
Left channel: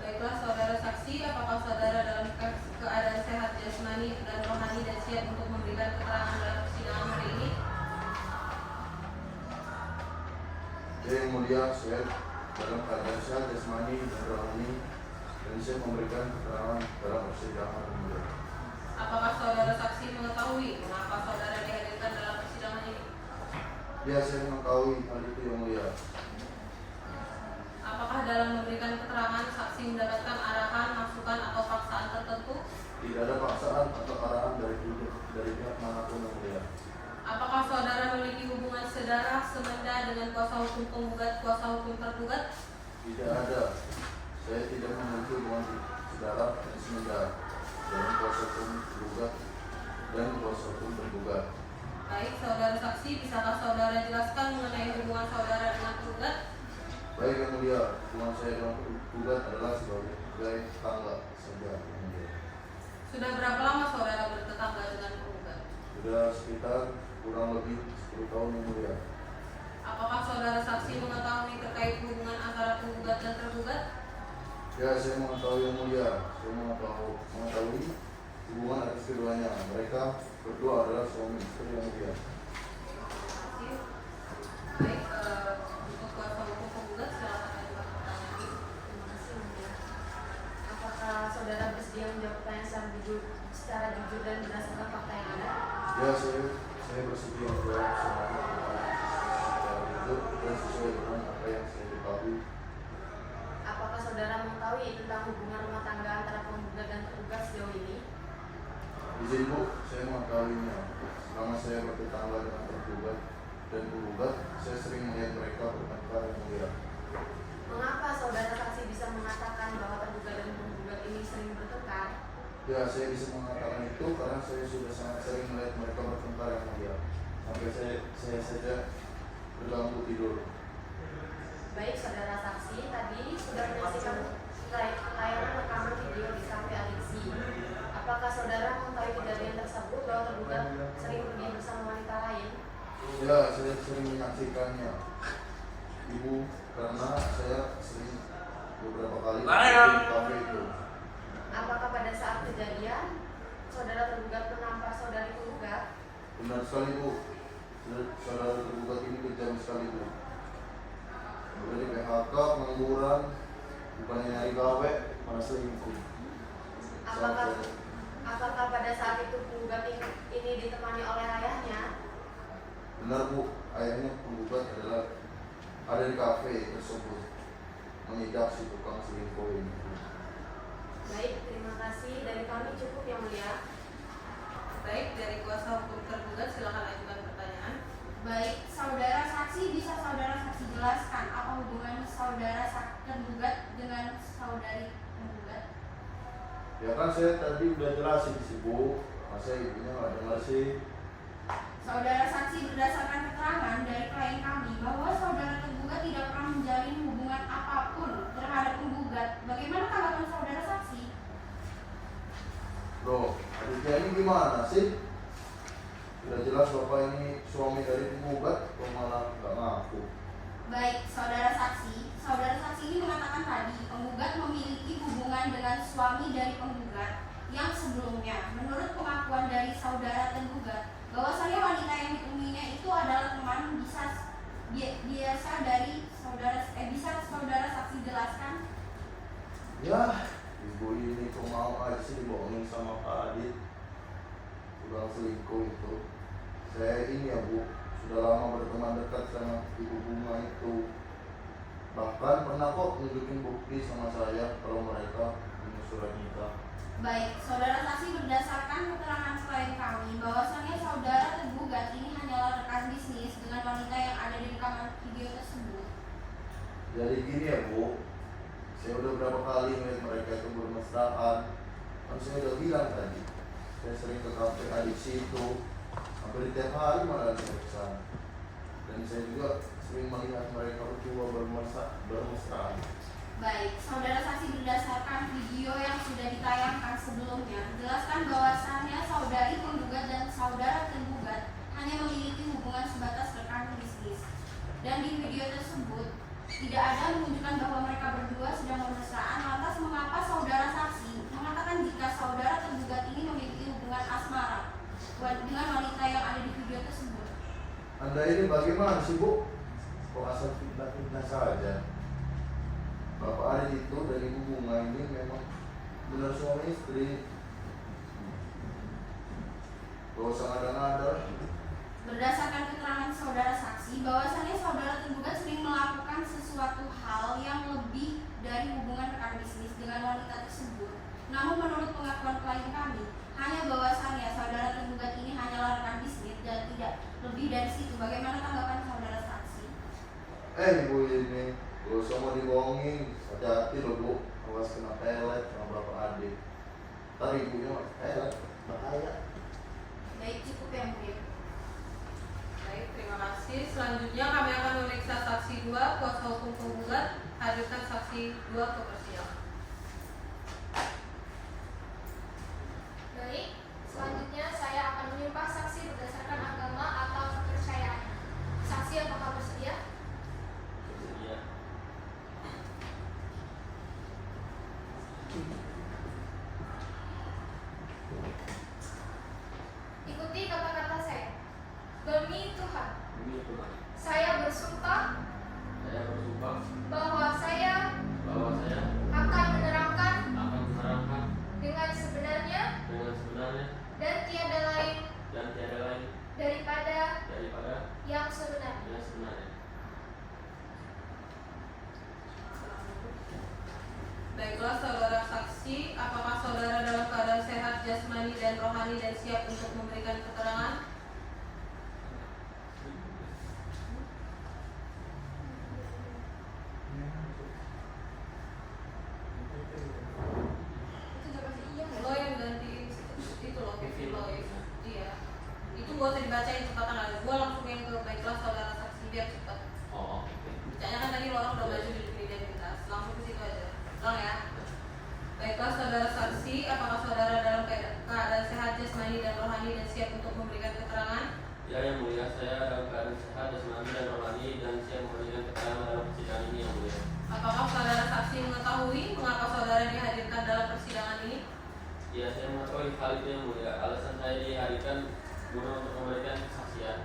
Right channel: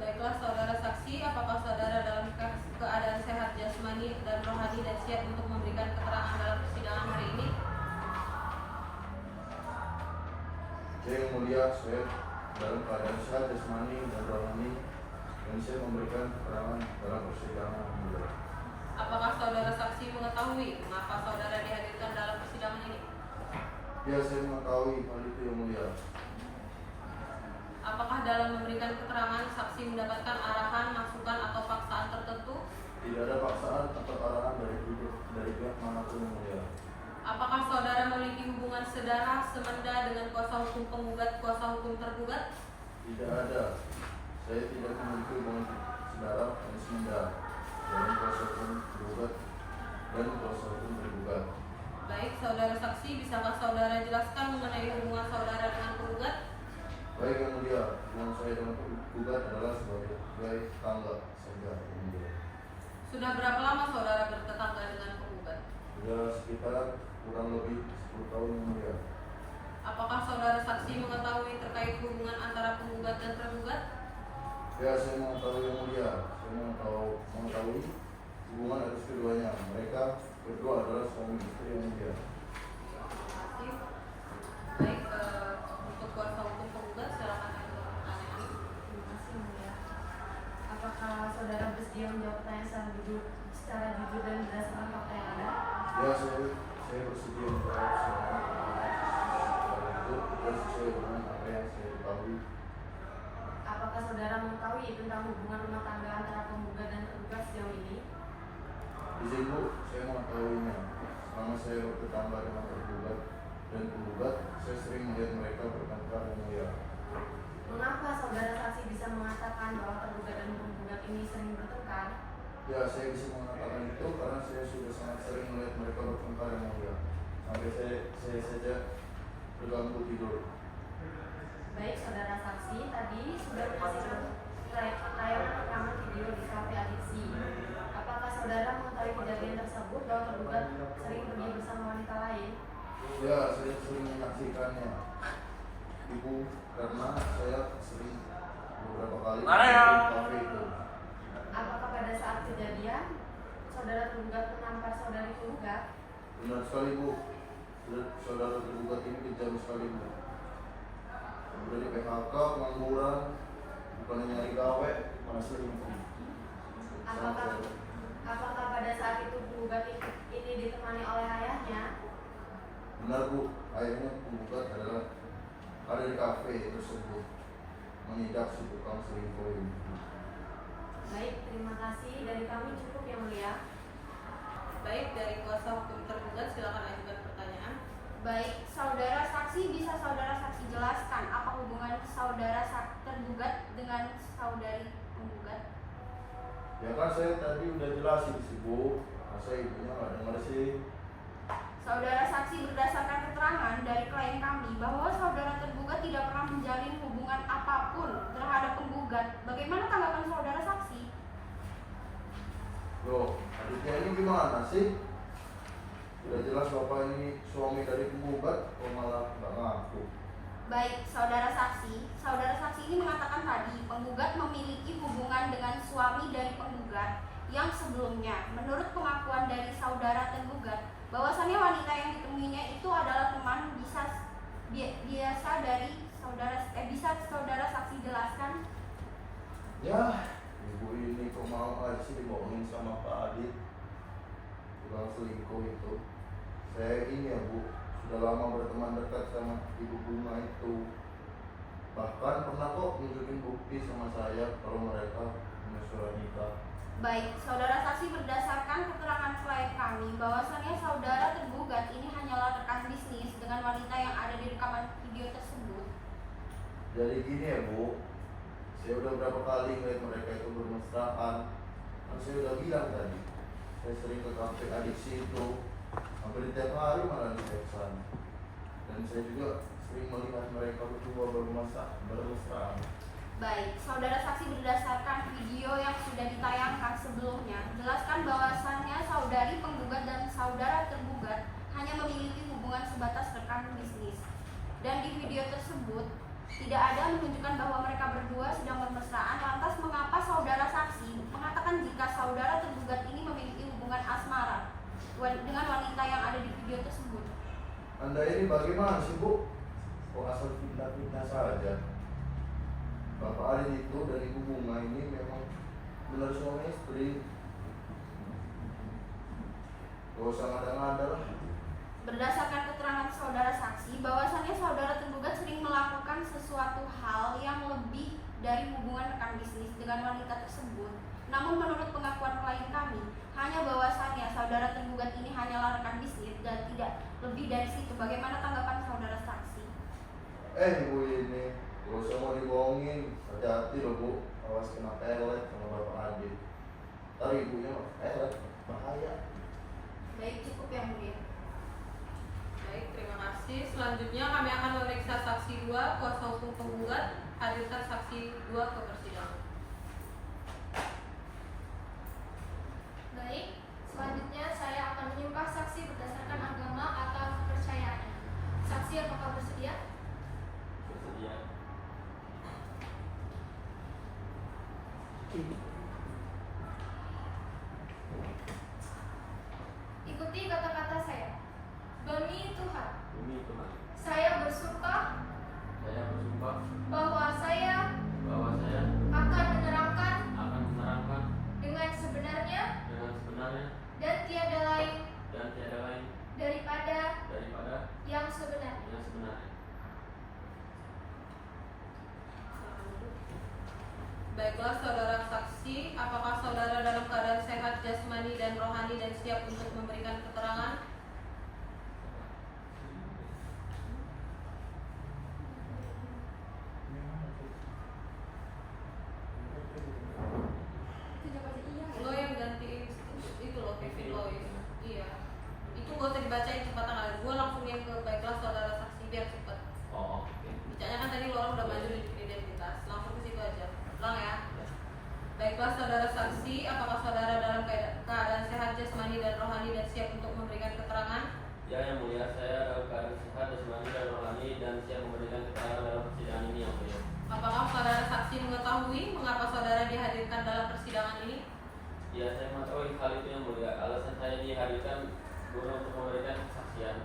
Baiklah saudara saksi, apakah saudara dalam keadaan sehat jasmani dan rohani dan siap untuk memberikan keterangan dalam persidangan hari ini? Yang mulia, saya dalam keadaan sehat jasmani dan rohani dan saya memberikan keterangan dalam persidangan yang mulia. Apakah saudara saksi mengetahui mengapa saudara dihadirkan dalam persidangan ini? Ya, saya mengetahui hal itu yang mulia. Apakah dalam memberikan keterangan saksi mendapatkan arahan, masukan atau paksaan tertentu? Tidak ada paksaan atau arahan dari pihak manapun yang mulia. Apakah saudara memiliki hubungan sedara semenda dengan kuasa hukum penggugat, kuasa hukum tergugat? Tidak ada. Saya tidak memiliki hubungan saudara dan semenda dengan kuasa hukum tergugat dan kuasa hukum tergugat. Baik, saudara saksi, bisakah saudara jelaskan mengenai hubungan saudara dengan penggugat? Baik yang mulia, hubungan saya dengan penggugat adalah sebagai tetangga saja yang mulia. Sudah berapa lama saudara bertetangga dengan penggugat? Sudah sekitar kurang lebih 10 tahun yang mulia. Apakah saudara saksi mengetahui terkait hubungan antara penggugat dan tergugat? Ya, saya mengetahui yang mulia. Saya mengetahui hubungan atas keduanya. Mereka berdua adalah suami istri yang mulia. Terima kasih. Baik, untuk kuasa hukum penggugat silakan ajukan pertanyaan. Terima kasih yang mulia. Apakah saudara bersedia menjawab pertanyaan secara jujur dan berdasarkan fakta yang ada? Ya, saya bersedia menjawab secara jujur dan sesuai dengan apa yang saya ketahui. Apakah saudara mengetahui tentang hubungan rumah tangga antara penggugat dan tergugat sejauh ini? Izin Bu, saya mengetahuinya. Selama saya bertetangga dengan tergugat dan penggugat, saya sering melihat mereka bertengkar yang mulia. Mengapa saudara saksi bisa mengatakan bahwa tergugat dan penggugat ini sering bertengkar? Ya, saya bisa mengatakan itu karena saya sudah sangat sering melihat mereka bertengkar yang mulia. Maka saya saja terganggu tidur. Baik saudara saksi, tadi sudah menyaksikan tayangan rekaman video di kafe Alexi. Apakah saudara mengetahui kejadian tersebut bahwa tergugat sering pergi bersama wanita lain? Ya, saya sering menyaksikannya, Ibu, karena saya sering beberapa kali di kafe itu. Apakah pada saat kejadian saudara tergugat menampar saudari tergugat? Benar sekali Bu, saudara tergugat ini kejam sekali Bu. Udah di PHK, pengangguran, bukannya nyari kafe, malah selingkuh. Apakah pada saat itu penggugat ini ditemani oleh ayahnya? Benar Bu, ayahnya penggugat ada di kafe tersebut, mengidap si tukang selingkuh ini. Baik, terima kasih. Dari kami cukup yang mulia. Baik, dari kuasa hukum tergugat silakan ajukan pertanyaan. Baik, saudara saksi bisa saudara saksi Ya kan saya tadi udah jelasin sih Bu, masa ibunya nggak dengar sih? Saudara saksi berdasarkan keterangan dari klien kami bahwa saudara tergugat tidak pernah menjalin hubungan apapun terhadap penggugat. Bagaimana tanggapan saudara saksi? Loh, adiknya ini gimana sih? Udah jelas bapak ini suami dari penggugat, kok malah nggak ngaku? Baik, saudara saksi ini mengatakan tadi penggugat memiliki hubungan dengan suami dari penggugat yang sebelumnya. Menurut pengakuan dari saudara tergugat, bahwasannya wanita yang ditemuinya itu adalah teman biasa dari saudara. Bisa saudara saksi jelaskan? Ya, ibu ini kok mau aja sih dibohongin sama Pak Adit. Udah selingkuh itu. Saya ini ya Bu, sudah lama berteman dekat sama Ibu Bunga itu. Bahkan pernah kok nunjukin bukti sama saya kalau mereka punya surat nikah. Baik, saudara saksi berdasarkan keterangan klien kami bahwasannya saudara tergugat ini hanyalah rekan bisnis dengan wanita yang ada di rekaman video tersebut. Jadi gini ya Bu, saya udah berapa kali ngeliat mereka itu bermesraan. Kan saya udah bilang tadi, saya sering ke kafe adik situ, hampir tiap hari malah di sana. Dan saya juga sering melihat mereka berdua bermesraan. Baik, saudara saksi berdasarkan video yang sudah ditayangkan sebelumnya, jelaskan bahwasannya saudari penggugat dan saudara tergugat hanya memiliki hubungan sebatas rekan bisnis. Dan di video tersebut tidak ada menunjukkan bahwa mereka berdua sedang bermesraan. Lantas mengapa saudara saksi mengatakan jika saudara tergugat ini memiliki hubungan asmara dengan wanita yang ada di video tersebut? Anda ini bagaimana sih Bu? Kok asal fitnah-fitnah saja? Bapak Ali itu dan Ibu Bunga ini memang benar suami istri. Gak usah ngada-ngada. Berdasarkan keterangan saudara saksi, bahwasannya saudara tergugat sering melakukan sesuatu hal yang lebih dari hubungan rekan bisnis dengan wanita tersebut. Namun menurut pengakuan klien kami, hanya bahwasannya saudara tergugat ini hanyalah rekan bisnis dan tidak lebih dari situ. Bagaimana tanggapan saudara saksi? Ibu ini, gak usah mau dibohongin. Hati-hati loh Bu, awas kena pelet sama Bapak Adit. Ntar ibunya pelet, bahaya. Baik, cukup yang mulia. Baik, terima kasih. Selanjutnya kami akan memeriksa saksi 2, kuasa hukum penggugat. Hadirkan saksi 2 ke persidangan. Baik, selanjutnya saya akan menyumpah saksi berdasarkan agama atau kepercayaan. Saksi apakah bersedia? Bersedia. Ikuti kata-kata saya. Demi Tuhan, Demi Tuhan, saya bersumpah saya bersumpah bahwa saya bahwa saya akan menerangkan akan menerangkan dengan sebenarnya dengan sebenarnya dan tiada lain daripada yang sebenarnya. yang sebenarnya. Baiklah saudara saksi, apakah saudara dalam keadaan sehat jasmani dan rohani dan siap untuk memberikan keterangan? Lo yang ganti itu loh, Kevin lo ya. Iya. Itu gak usah dibacain cepat tangan. Gue langsung yang ke baiklah saudara saksi biar cepat. Oh, oke. Bacanya kan tadi lo orang udah maju di identitas. Langsung ke situ aja. Ulang ya. Baiklah saudara saksi, apakah saudara dalam keadaan sehat jasmani dan rohani dan siap untuk memberikan keterangan? Ya, yang mulia, saya dalam keadaan sehat jasmani dan rohani dan siap memberikan keterangan dalam persidangan ini, yang mulia. Apakah saudara saksi mengetahui mengapa saudara dihadirkan dalam persidangan ini? Ya, saya mengetahui hal itu, yang mulia. Alasan saya dihadirkan guna untuk memberikan kesaksian.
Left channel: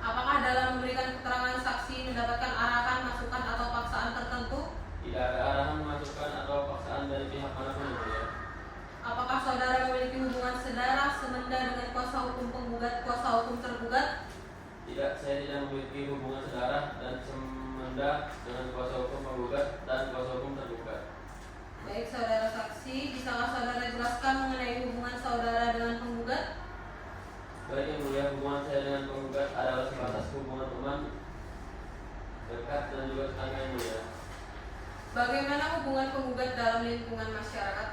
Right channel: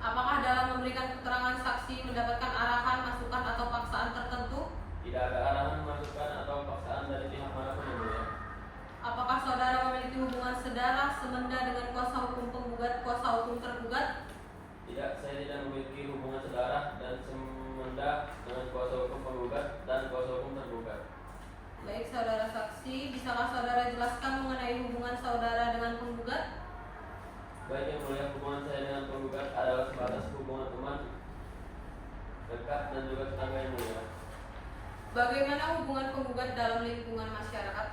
Apakah dalam memberikan keterangan saksi mendapatkan arahan, masukan atau paksaan tertentu? Tidak ada arahan, masukan atau paksaan dari pihak manapun, yang mulia. Apakah saudara memiliki hubungan sedarah semenda dengan kuasa hukum penggugat, kuasa hukum tergugat? Tidak, saya tidak memiliki hubungan sedarah dan semenda dengan kuasa hukum penggugat dan kuasa hukum tergugat. Baik saudara saksi, bisakah saudara jelaskan mengenai hubungan saudara dengan penggugat? Baik, yang mulia, hubungan saya dengan penggugat adalah sebatas hubungan teman dekat dan juga tetangga, yang mulia. Bagaimana hubungan penggugat dalam lingkungan masyarakat?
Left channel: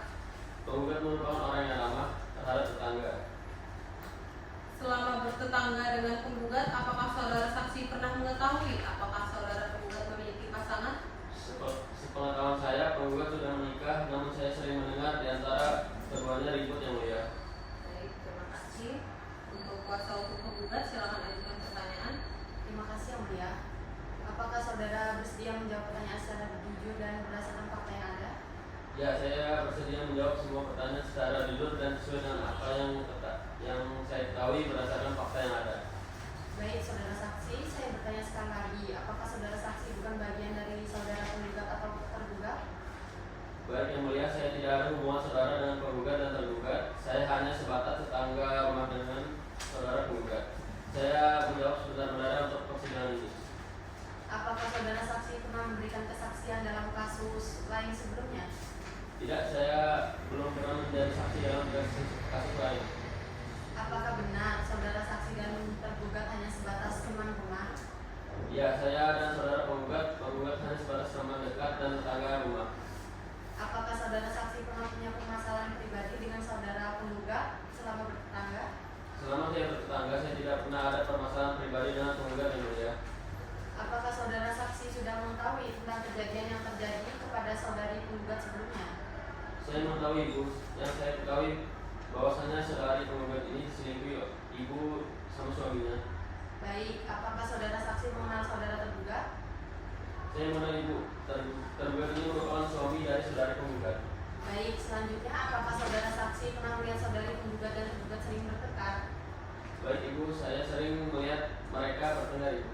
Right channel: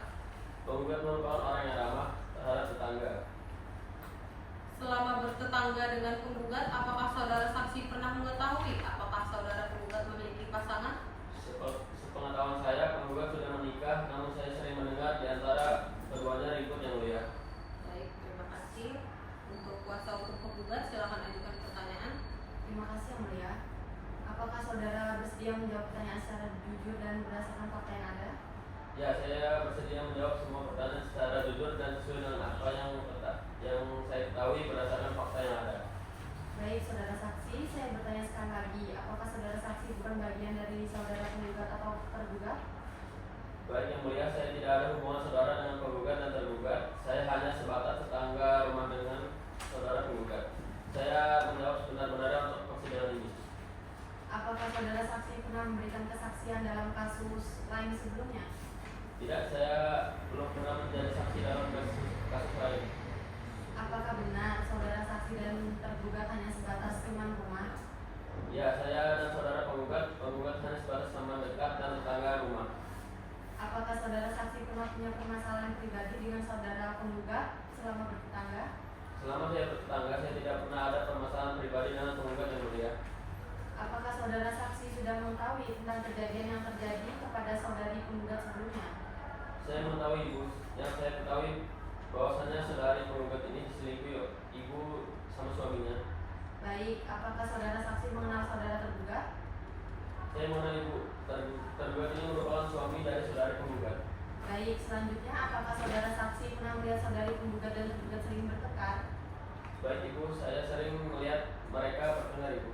Penggugat merupakan orang yang ramah terhadap tetangga. Selama bertetangga dengan penggugat, apakah saudara saksi pernah mengetahui apakah saudara penggugat memiliki pasangan? Sepengetahuan saya, penggugat sudah menikah, namun saya sering mendengar di antara keduanya ribut yang mulia. Baik, terima kasih. Untuk kuasa hukum penggugat, silakan ajukan pertanyaan. Terima kasih yang mulia. Apakah saudara bersedia menjawab pertanyaan secara jujur dan berdasarkan fakta yang ada? Ya, saya bersedia menjawab semua pertanyaan secara jujur dan sesuai dengan apa yang saya ketahui berdasarkan fakta yang ada. Baik, saudara saksi, saya bertanya sekali lagi, apakah saudara saksi bukan bagian dari saudara penggugat atau tergugat? Baik yang mulia, saya tidak ada hubungan saudara dengan penggugat dan tergugat. Saya hanya sebatas tetangga rumah dengan saudara penggugat. Saya menjawab sebenar-benarnya untuk persidangan ini. Apakah saudara saksi pernah memberikan kesaksian dalam kasus lain sebelumnya? Tidak, saya belum pernah menjadi saksi dalam kasus lain. Apakah benar saudara saksi dan tergugat hanya sebatas teman rumah? Ya, saya dan saudara penggugat hanya sebatas teman dekat dan tetangga rumah. Apakah saudara saksi pernah punya permasalahan pribadi dengan saudara penggugat selama bertetangga? Selama saya bertetangga, saya tidak pernah ada permasalahan pribadi dengan penggugat yang mulia. Apakah saudara saksi sudah mengetahui tentang kejadian yang terjadi kepada saudari penggugat sebelumnya? Saya mengetahui ibu, yang saya ketahui bahwasanya saudari penggugat ini diselingkuhi ibu sama suaminya. Baik, apakah saudara saksi mengenal saudara tergugat? Saya mengenal ibu, tergugat ini merupakan suami dari saudari penggugat. Baik, selanjutnya apakah saudara saksi pernah melihat saudari penggugat dan tergugat sering bertengkar? Baik ibu, saya sering melihat mereka bertengkar ibu.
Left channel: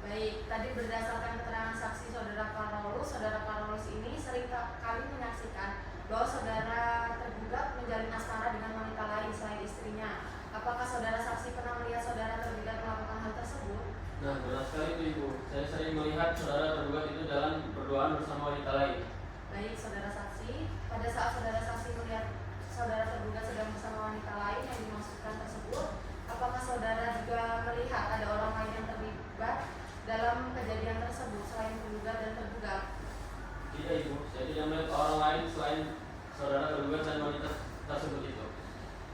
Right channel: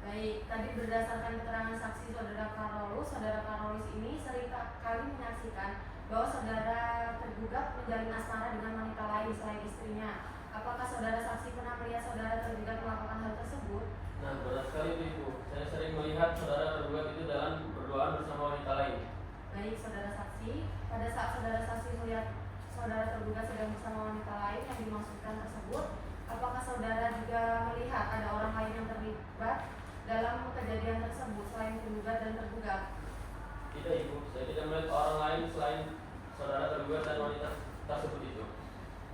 Baik, tadi berdasarkan keterangan saksi saudara Karolus ini sering kali menyaksikan bahwa saudara tergugat menjalin asmara dengan wanita lain selain istrinya. Apakah saudara saksi pernah melihat saudara tergugat melakukan hal tersebut? Nah, benar sekali itu ibu. Saya sering melihat saudara tergugat itu jalan berduaan bersama wanita lain. Baik, saudara saksi, pada saat saudara saksi melihat saudara tergugat sedang bersama wanita lain yang dimaksudkan tersebut, apakah saudara juga melihat ada orang lain yang terlibat dalam kejadian tersebut selain penggugat dan tergugat? Tidak ibu, saya tidak melihat orang lain selain saudara tergugat dan wanita tersebut itu.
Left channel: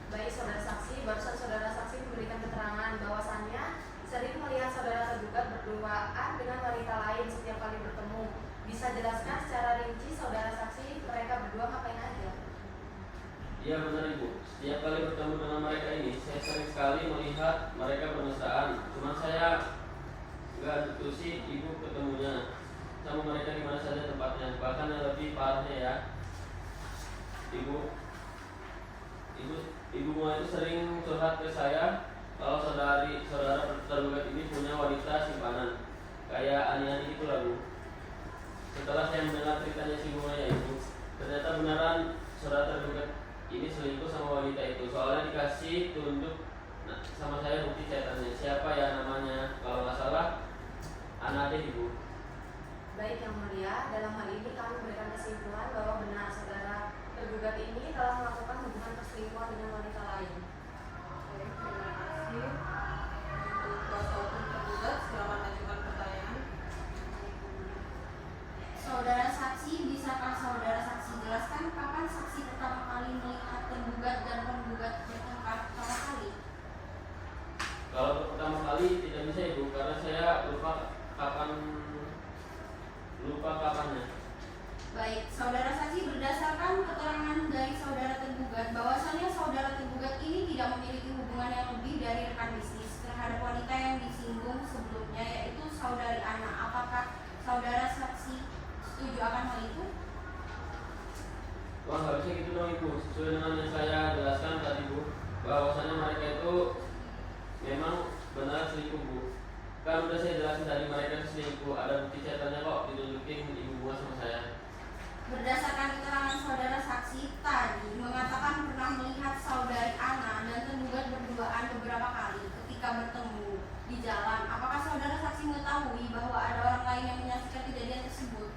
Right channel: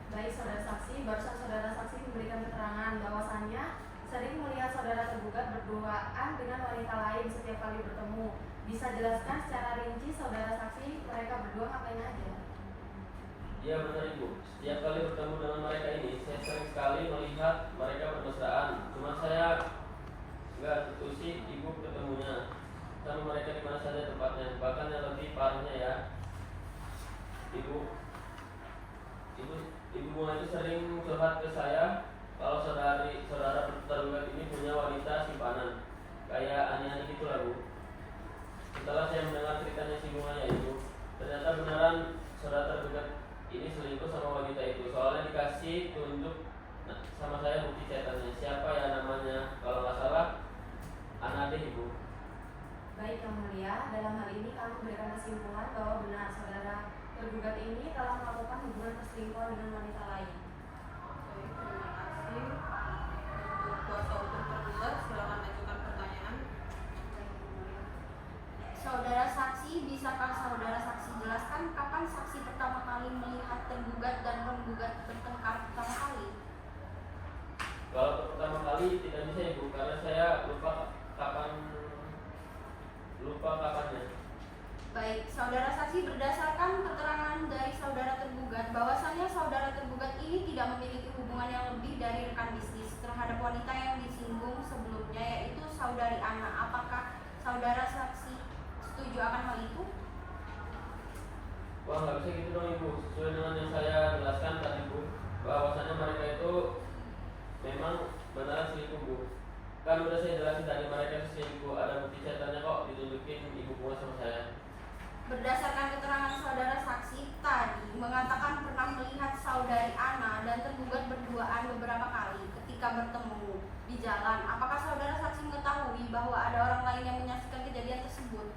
Baik, saudara saksi, barusan saudara saksi memberikan keterangan bahwasannya sering melihat saudara tergugat berduaan dengan wanita lain setiap kali bertemu. Bisa jelaskan secara rinci saudara saksi mereka berdua ngapain aja? Iya benar ibu, setiap kali bertemu dengan mereka ini, saya sering sekali melihat mereka bermesraan. Cuma saya nggak betusi ibu ketemunya sama mereka di mana saja tempatnya. Bahkan yang lebih parahnya ya, ibu bunga itu sering curhat ke saya kalau saudara tergugat ini punya wanita simpanan kayak ani-ani gitu lah bu. Setelah saya mendengar ceritanya si bunga ya ibu, ternyata beneran saudara tergugat ini selingkuh sama wanita itu. Soalnya dikasih tunjuk sama saya bukti chatannya, siapa ya namanya, kalau nggak salah Anade ibu. Baik yang mulia, dalam hal ini kami memberikan kesimpulan bahwa benar saudara tergugat ini telah melakukan hubungan perselingkuhan dengan wanita lain. Baik, terima kasih. Untuk kuasa hukum tergugat, silakan ajukan pertanyaan. Saudara saksi, bisakah saudara saksi jelaskan kapan saksi pertama kali melihat tergugat dan penggugat bertengkar pertama kali? Kalau pertama kali tidak bisa ibu, karena saya lupa kapannya. Baik, saudara saksi berdasarkan keterangan dari saudara tergugat bahwasannya saudara tergugat ini tidak memiliki hubungan yang lebih dari rekan bisnis terhadap wanita yang disinggung sebelumnya, yaitu saudari Ana. Apakah saudara saksi setuju akan hal itu? Wah nggak bisa gitu dong ibu, sesuai dengan yang saya jelaskan tadi bu, bahwasannya mereka itu memang benar selingkuh bu. Kan udah saya jelasin tadi mereka selingkuh, ada bukti chatannya kok ditunjukin ibu bunga sama saya. Berdasarkan keterangan saudara saksi tadi mengatakan pernah melihat saudari Ana dan tergugat berduaan beberapa kali ketika bertemu di jalan. Apakah saudara saksi mengetahui bahwa ada orang lain yang menyaksikan kejadian tersebut?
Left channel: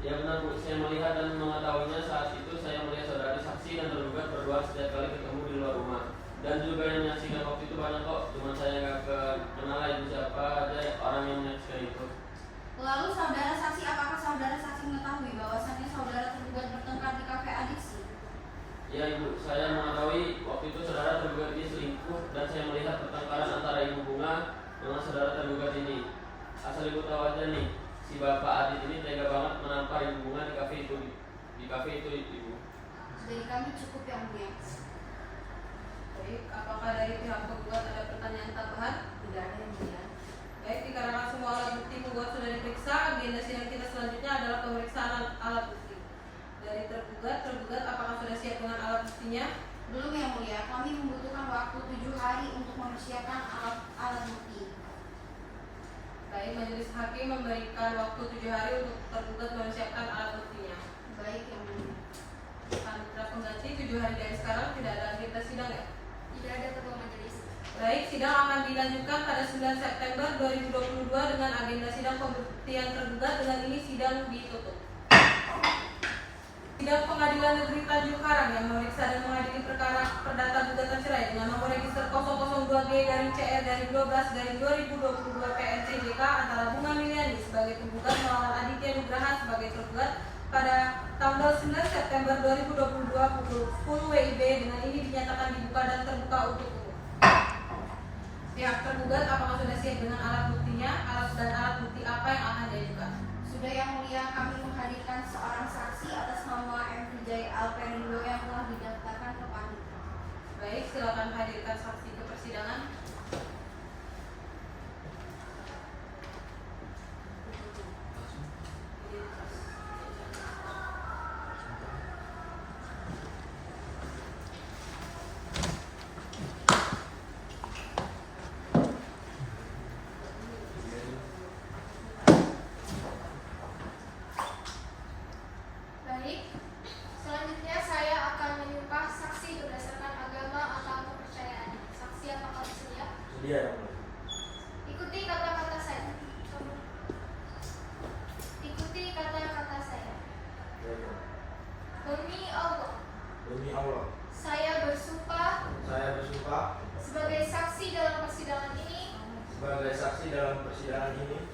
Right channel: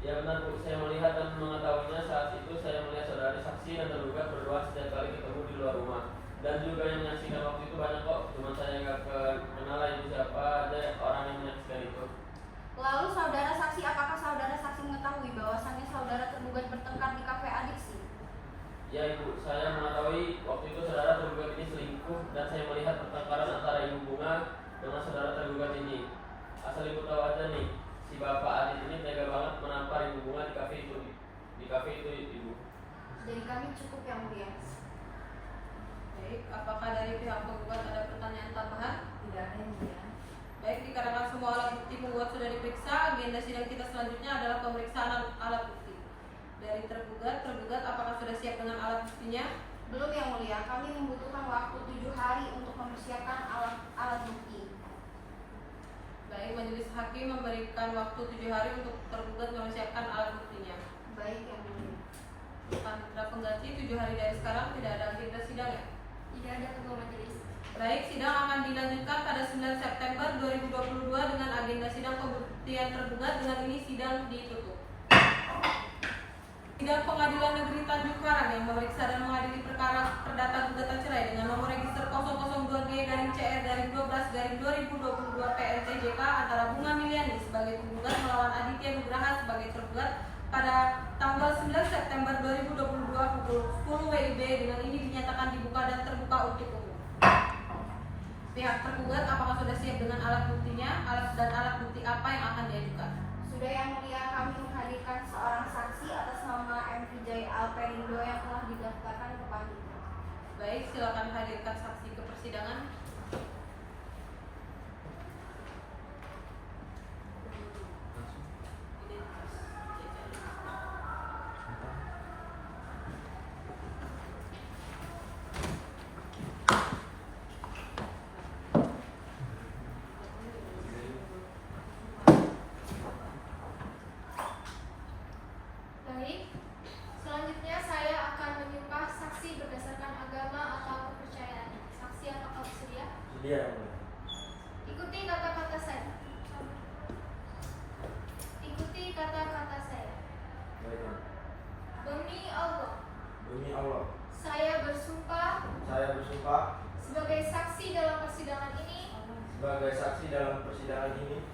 Ya benar bu, saya melihat dan mengetahuinya saat itu saya melihat saudari saksi dan tergugat berduaan setiap kali ketemu di luar rumah. Dan juga yang menyaksikan waktu itu banyak kok, cuma saya nggak kenal lah itu siapa aja orang yang menyaksikan itu. Lalu saudara saksi, apakah saudara saksi mengetahui bahwasannya saudara tergugat bertengkar di kafe adiksi? asal ibu tahu aja nih, si bapak Adit ini tega banget menampar ibu Bunga di kafe itu, di kafe itu ibu. Dari kami cukup yang mulia. Baik, apakah dari pihak penggugat ada pertanyaan tambahan? Tidak ada yang mulia. Baik, dikarenakan semua alat bukti penggugat sudah diperiksa, agenda sidang kita selanjutnya adalah pemeriksaan alat bukti. Dari tergugat apakah sudah siap dengan alat buktinya? Belum yang mulia, kami membutuhkan waktu 7 hari untuk mempersiapkan alat bukti. Baik, majelis hakim memberikan waktu 7 hari untuk tergugat mempersiapkan alat buktinya. Baik yang mulia. Panitra pengganti 7 hari dari sekarang tidak ada agenda sidang ya? Tidak ada kedua majelis. Baik, sidang akan dilanjutkan pada 9 September 2022 dengan agenda sidang pembuktian tergugat. Dengan ini sidang ditutup. Sidang Pengadilan Negeri Tanjung Karang yang memeriksa dan mengadili perkara perdata gugatan cerai dengan nomor register 002G-CR-12/2022 PNTJK antara Bunga Miliani sebagai penggugat melawan Aditya Nugraha sebagai tergugat pada tanggal 9 September 2022 pukul 10 WIB. Dengan ini dinyatakan dibuka dan terbuka untuk umum. Pihak tergugat apakah sudah siap dengan alat buktinya? Alat bukti apa yang akan diajukan? Sudah yang mulia, kami menghadirkan seorang saksi atas nama M. Vijay Alperindo yang telah didaftarkan ke Panitra. Baik, silakan hadirkan saksi ke persidangan. Baik, selanjutnya saya akan menyumpah saksi berdasarkan agama atau kepercayaan. Saksi apakah bersedia? Sedia yang mulia. Ikuti kata-kata saya. Ikuti kata-kata saya. Baiklah. Demi Allah, Demi Allah, saya bersumpah saya bersumpah sebagai saksi dalam persidangan ini sebagai saksi dalam persidangan ini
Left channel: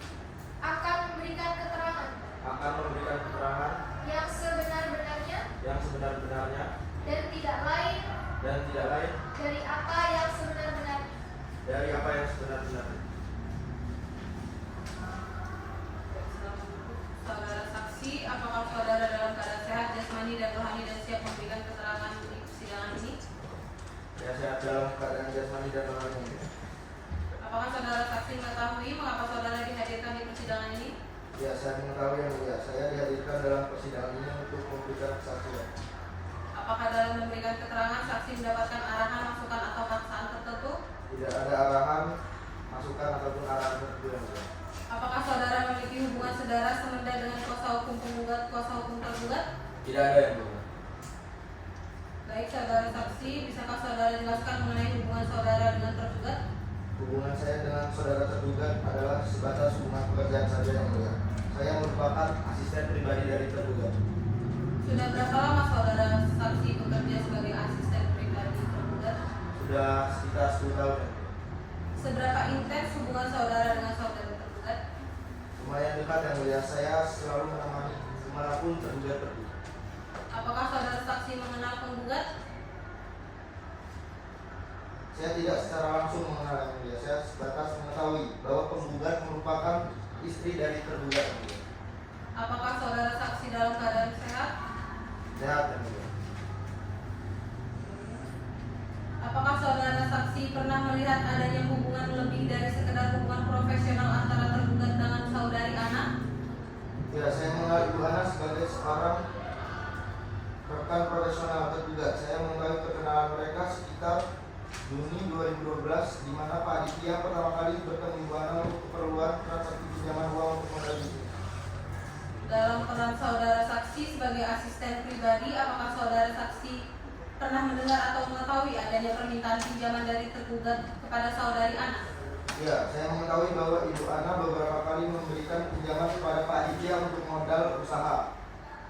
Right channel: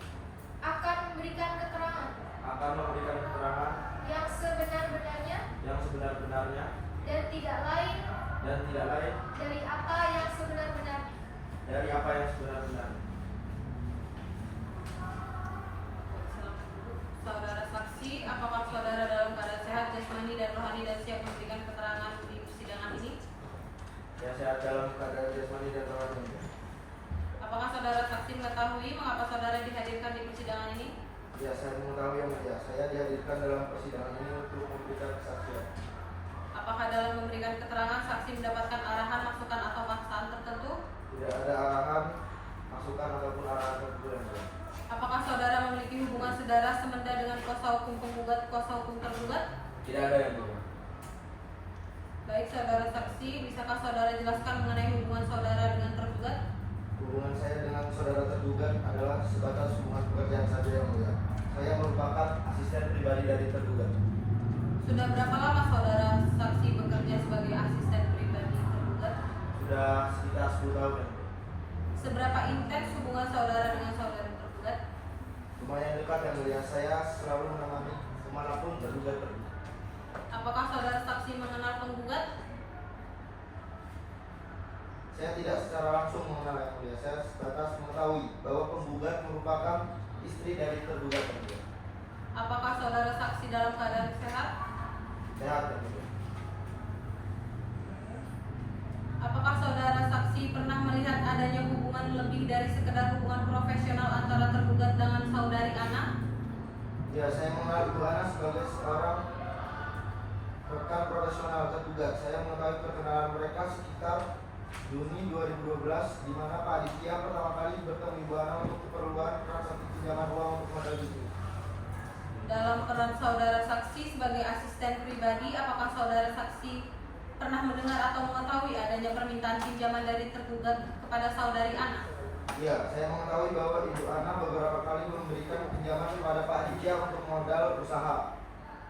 akan memberikan keterangan akan memberikan keterangan yang sebenar-benarnya yang sebenar-benarnya dan tidak lain dari apa yang sebenar-benarnya. Saudara saksi, apakah saudara dalam keadaan sehat jasmani dan rohani dan siap memberikan keterangan di persidangan ini? Saya sehat dalam keadaan jasmani dan rohani. Apakah saudara saksi mengetahui mengapa saudara dihadirkan di persidangan ini? Ya, saya mengetahui yang mulia. Saya dihadirkan dalam persidangan ini untuk memberikan kesaksian. Apakah dalam memberikan keterangan saksi mendapatkan arahan, masukan atau paksaan tertentu? Tidak ada arahan, masukan ataupun arahan tertentu yang mulia. Apakah saudara memiliki hubungan saudara semenda dengan kuasa hukum penggugat, kuasa hukum tergugat? Tidak ada yang mulia. Baik, saudara saksi, bisakah saudara jelaskan mengenai hubungan saudara dengan tergugat? Hubungan saya dengan saudara tergugat adalah sebatas hubungan pekerjaan saja yang mulia. Saya merupakan asisten pribadi dari tergugat. Sudah berapa lama saudara saksi bekerja sebagai asisten pribadi tergugat? Sudah sekitar 10 tahun yang mulia. Seberapa intens hubungan saudara dengan saudara tergugat? Lumayan dekat yang mulia. Saya selalu menemani kemanapun tergugat pergi. Apakah saudara saksi mengenal penggugat? Saya tidak secara langsung mengenal yang mulia. Saya sebatas mengetahui bahwa penggugat merupakan istri dari tergugat yang mulia. Apakah saudara saksi dalam keadaan sehat? Sehat yang mulia. Apakah saudara saksi pernah melihat adanya hubungan lebih dari sekedar hubungan profesional antara tergugat dengan saudari Ana? Ya, saya mengenal Ibu Ana sebagai seorang rekan profesional tergugat. Saya mengetahui perkenalan mereka sekitar Juni 2012, di mana Pak Aditya pertama kali bertemu Ibu Ana untuk keperluan transaksi pinjaman uang untuk modal bisnis. Dalam peran saudara saksi sebagai asisten pribadi, apakah saudara saksi pernah mendengar atau mengetahui adanya permintaan pinjaman dari tergugat kepada saudari Ana? Ya, saya mengetahui bahwa Ibu Ana beberapa kali memberikan pinjaman kepada Pak Aditya untuk modal usaha.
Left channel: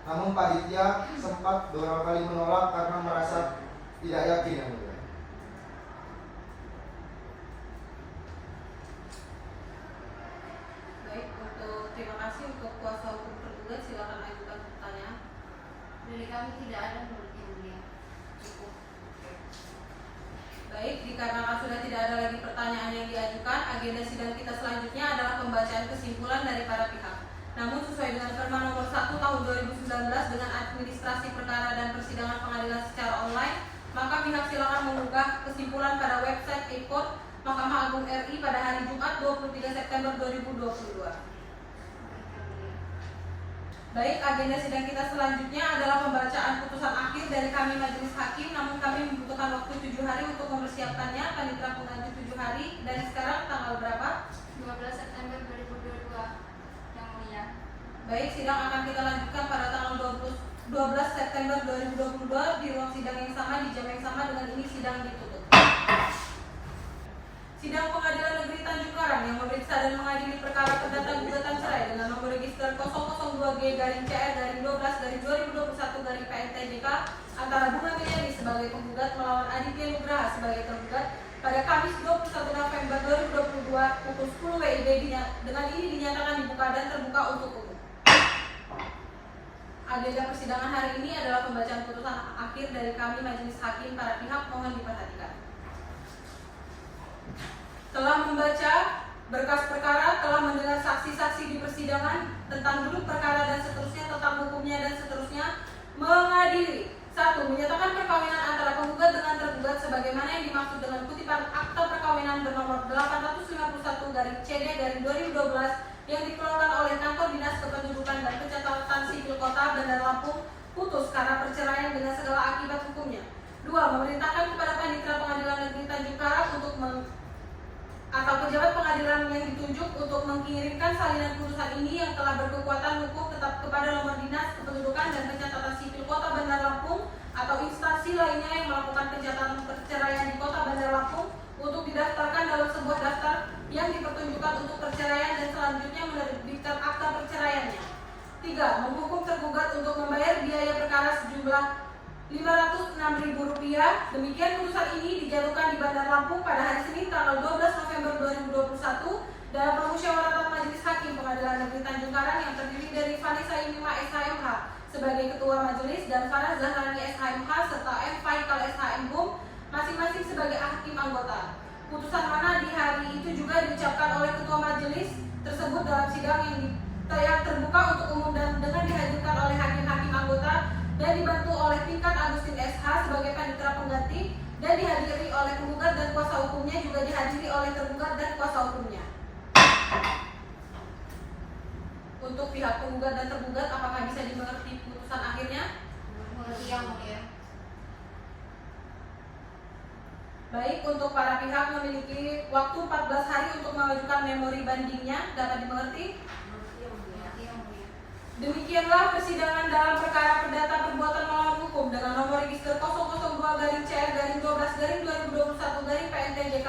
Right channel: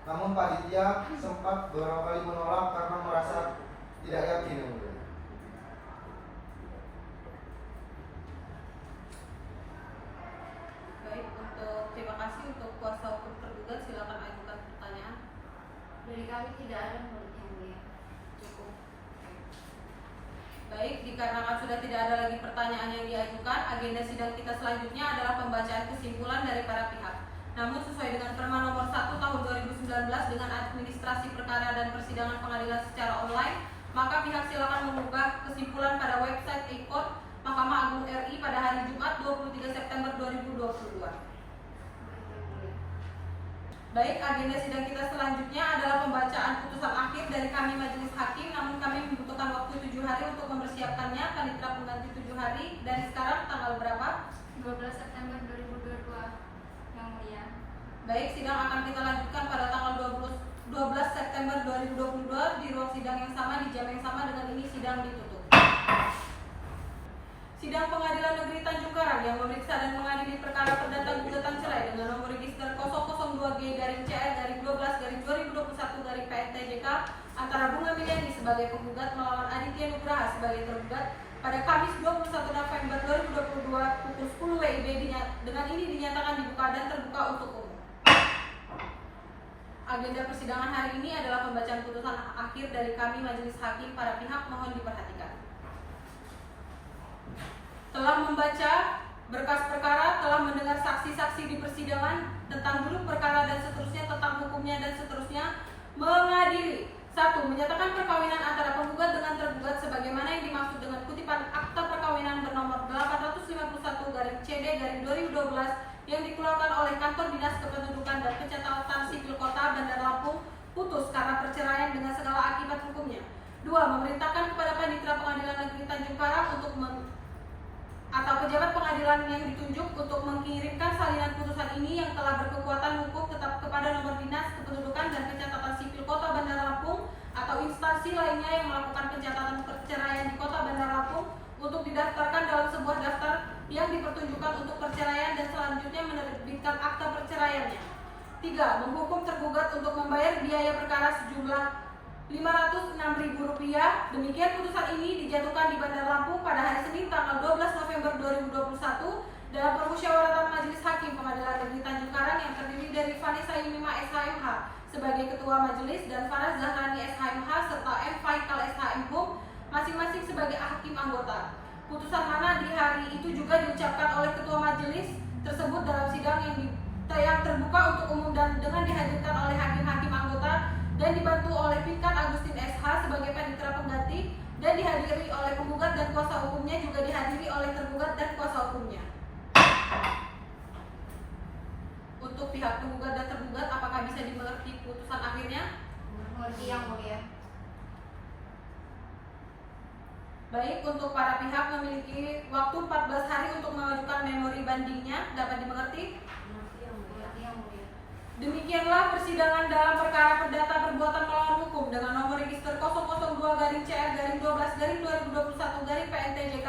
Namun Pak Aditya sempat beberapa kali menolak karena merasa tidak yakin yang mulia. Baik, terima kasih untuk kuasa hukum tergugat, silakan ajukan pertanyaan. Dari kami tidak ada yang mulia. Cukup. Baik, dikarenakan sudah tidak ada lagi pertanyaan yang diajukan, agenda sidang kita selanjutnya adalah pembacaan kesimpulan kesimpulan dari para pihak. Namun sesuai dengan Perma Nomor 1 Tahun 2019 dengan administrasi perkara dan persidangan pengadilan secara online, maka pihak silakan mengunggah kesimpulan pada website e-court Mahkamah Agung RI pada hari Jumat 23 September 2022. Baik, agenda sidang kita selanjutnya adalah pembacaan putusan akhir dari kami majelis hakim, namun kami membutuhkan waktu 7 hari untuk mempersiapkannya. Panitera pengganti 7 hari dari sekarang tanggal berapa? 12 September 2022 yang mulia. Baik, sidang akan kita lanjutkan pada tanggal 12 September 2022 di ruang sidang yang sama, di jam yang sama. Dengan ini sidang ditutup. Sidang Pengadilan Negeri Tanjung Karang yang memeriksa dan mengadili perkara perdata gugatan cerai dengan nomor register 002G-CR-12/2021-PNTJK antara Bunga Milyani sebagai penggugat melawan Aditya Nugraha sebagai tergugat pada Kamis 21 November 2022 pukul 10 WIB. Dengan ini dinyatakan dibuka dan terbuka untuk umum. Agenda persidangan hari ini adalah pembacaan putusan akhir dari kami majelis hakim. Para pihak mohon diperhatikan. Telah membaca berkas perkara, telah mendengar saksi-saksi di persidangan tentang duduk perkara dan seterusnya, tentang hukumnya dan seterusnya, mengadili. 1. Menyatakan perkawinan antara penggugat dengan tergugat sebagaimana yang dimaksud dengan kutipan akta perkawinan bernomor 851-CD-2012 yang dikeluarkan oleh Kantor Dinas Kependudukan dan Pencatatan Sipil Kota Bandar Lampung, putus karena perceraian dengan segala akibat hukumnya. 2. Memerintahkan kepada Panitera Pengadilan Negeri Tanjung Karang untuk atau pejabat pengadilan yang ditunjuk untuk mengirimkan salinan putusan ini yang telah berkekuatan hukum tetap kepada nomor dinas kependudukan dan pencatatan sipil Kota Bandar Lampung atau instansi lainnya yang melakukan pencatatan perceraian di Kota Bandar Lampung untuk didaftarkan dalam sebuah daftar yang dipertunjukkan untuk perceraian dan selanjutnya menerbitkan akta perceraiannya. 3. Menghukum tergugat untuk membayar biaya perkara sejumlah Rp506.000. Demikian putusan ini dijatuhkan di Bandar Lampung pada hari Senin tanggal 12 November 2021 dalam permusyawaratan Majelis Hakim Pengadilan Negeri Tanjung Karang yang terdiri dari Vanessa Yunima SHMH sebagai Ketua Majelis dan Farah Zahrani SHMH serta M. Faikal SHMHum masing-masing sebagai hakim anggota. Putusan mana di hari itu juga diucapkan oleh Ketua Majelis tersebut dalam sidang yang terbuka untuk umum dan dengan dihadirkan oleh hakim-hakim anggota dan dibantu oleh Pinkat Agustin SH sebagai panitera pengganti dan dihadiri oleh penggugat dan kuasa hukumnya, juga dihadiri oleh tergugat dan kuasa hukumnya. Untuk pihak penggugat dan tergugat, apakah bisa dimengerti putusan akhirnya? Mengerti yang mulia. Baik, untuk para pihak memiliki waktu 14 hari untuk mengajukan memori bandingnya. Dapat dimengerti? Demikianlah persidangan dalam perkara perdata perbuatan melawan hukum dengan nomor register 002-CR-12/2021-PNTJK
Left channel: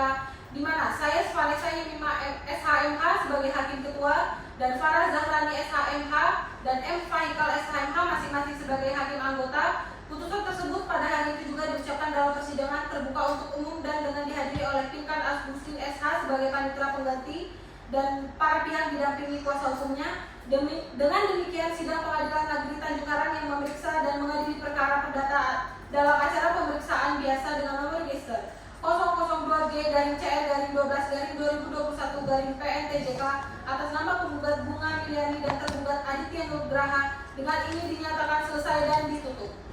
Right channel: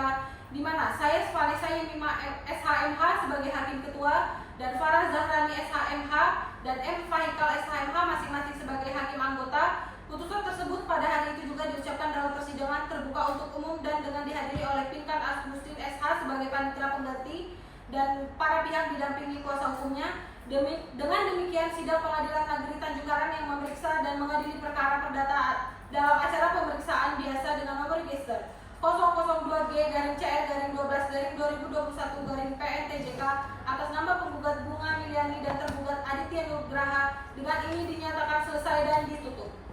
di mana saya Vanessa Yunima SHMH sebagai hakim ketua dan Farah Zahrani SHMH dan M. Faikal SHMH masing-masing sebagai hakim anggota. Putusan tersebut pada hari itu juga diucapkan dalam persidangan terbuka untuk umum dan dengan dihadiri oleh Pinkat Agustin SH sebagai panitera pengganti dan para pihak didampingi kuasa hukumnya. Dengan demikian, sidang Pengadilan Negeri Tanjung Karang yang memeriksa dan mengadili perkara perdata dalam acara pemeriksaan biasa dengan nomor register 002G-CR-12/2021-PNTJK atas nama penggugat Bunga Milyani dan tergugat Aditya Nugraha dengan ini dinyatakan selesai dan ditutup.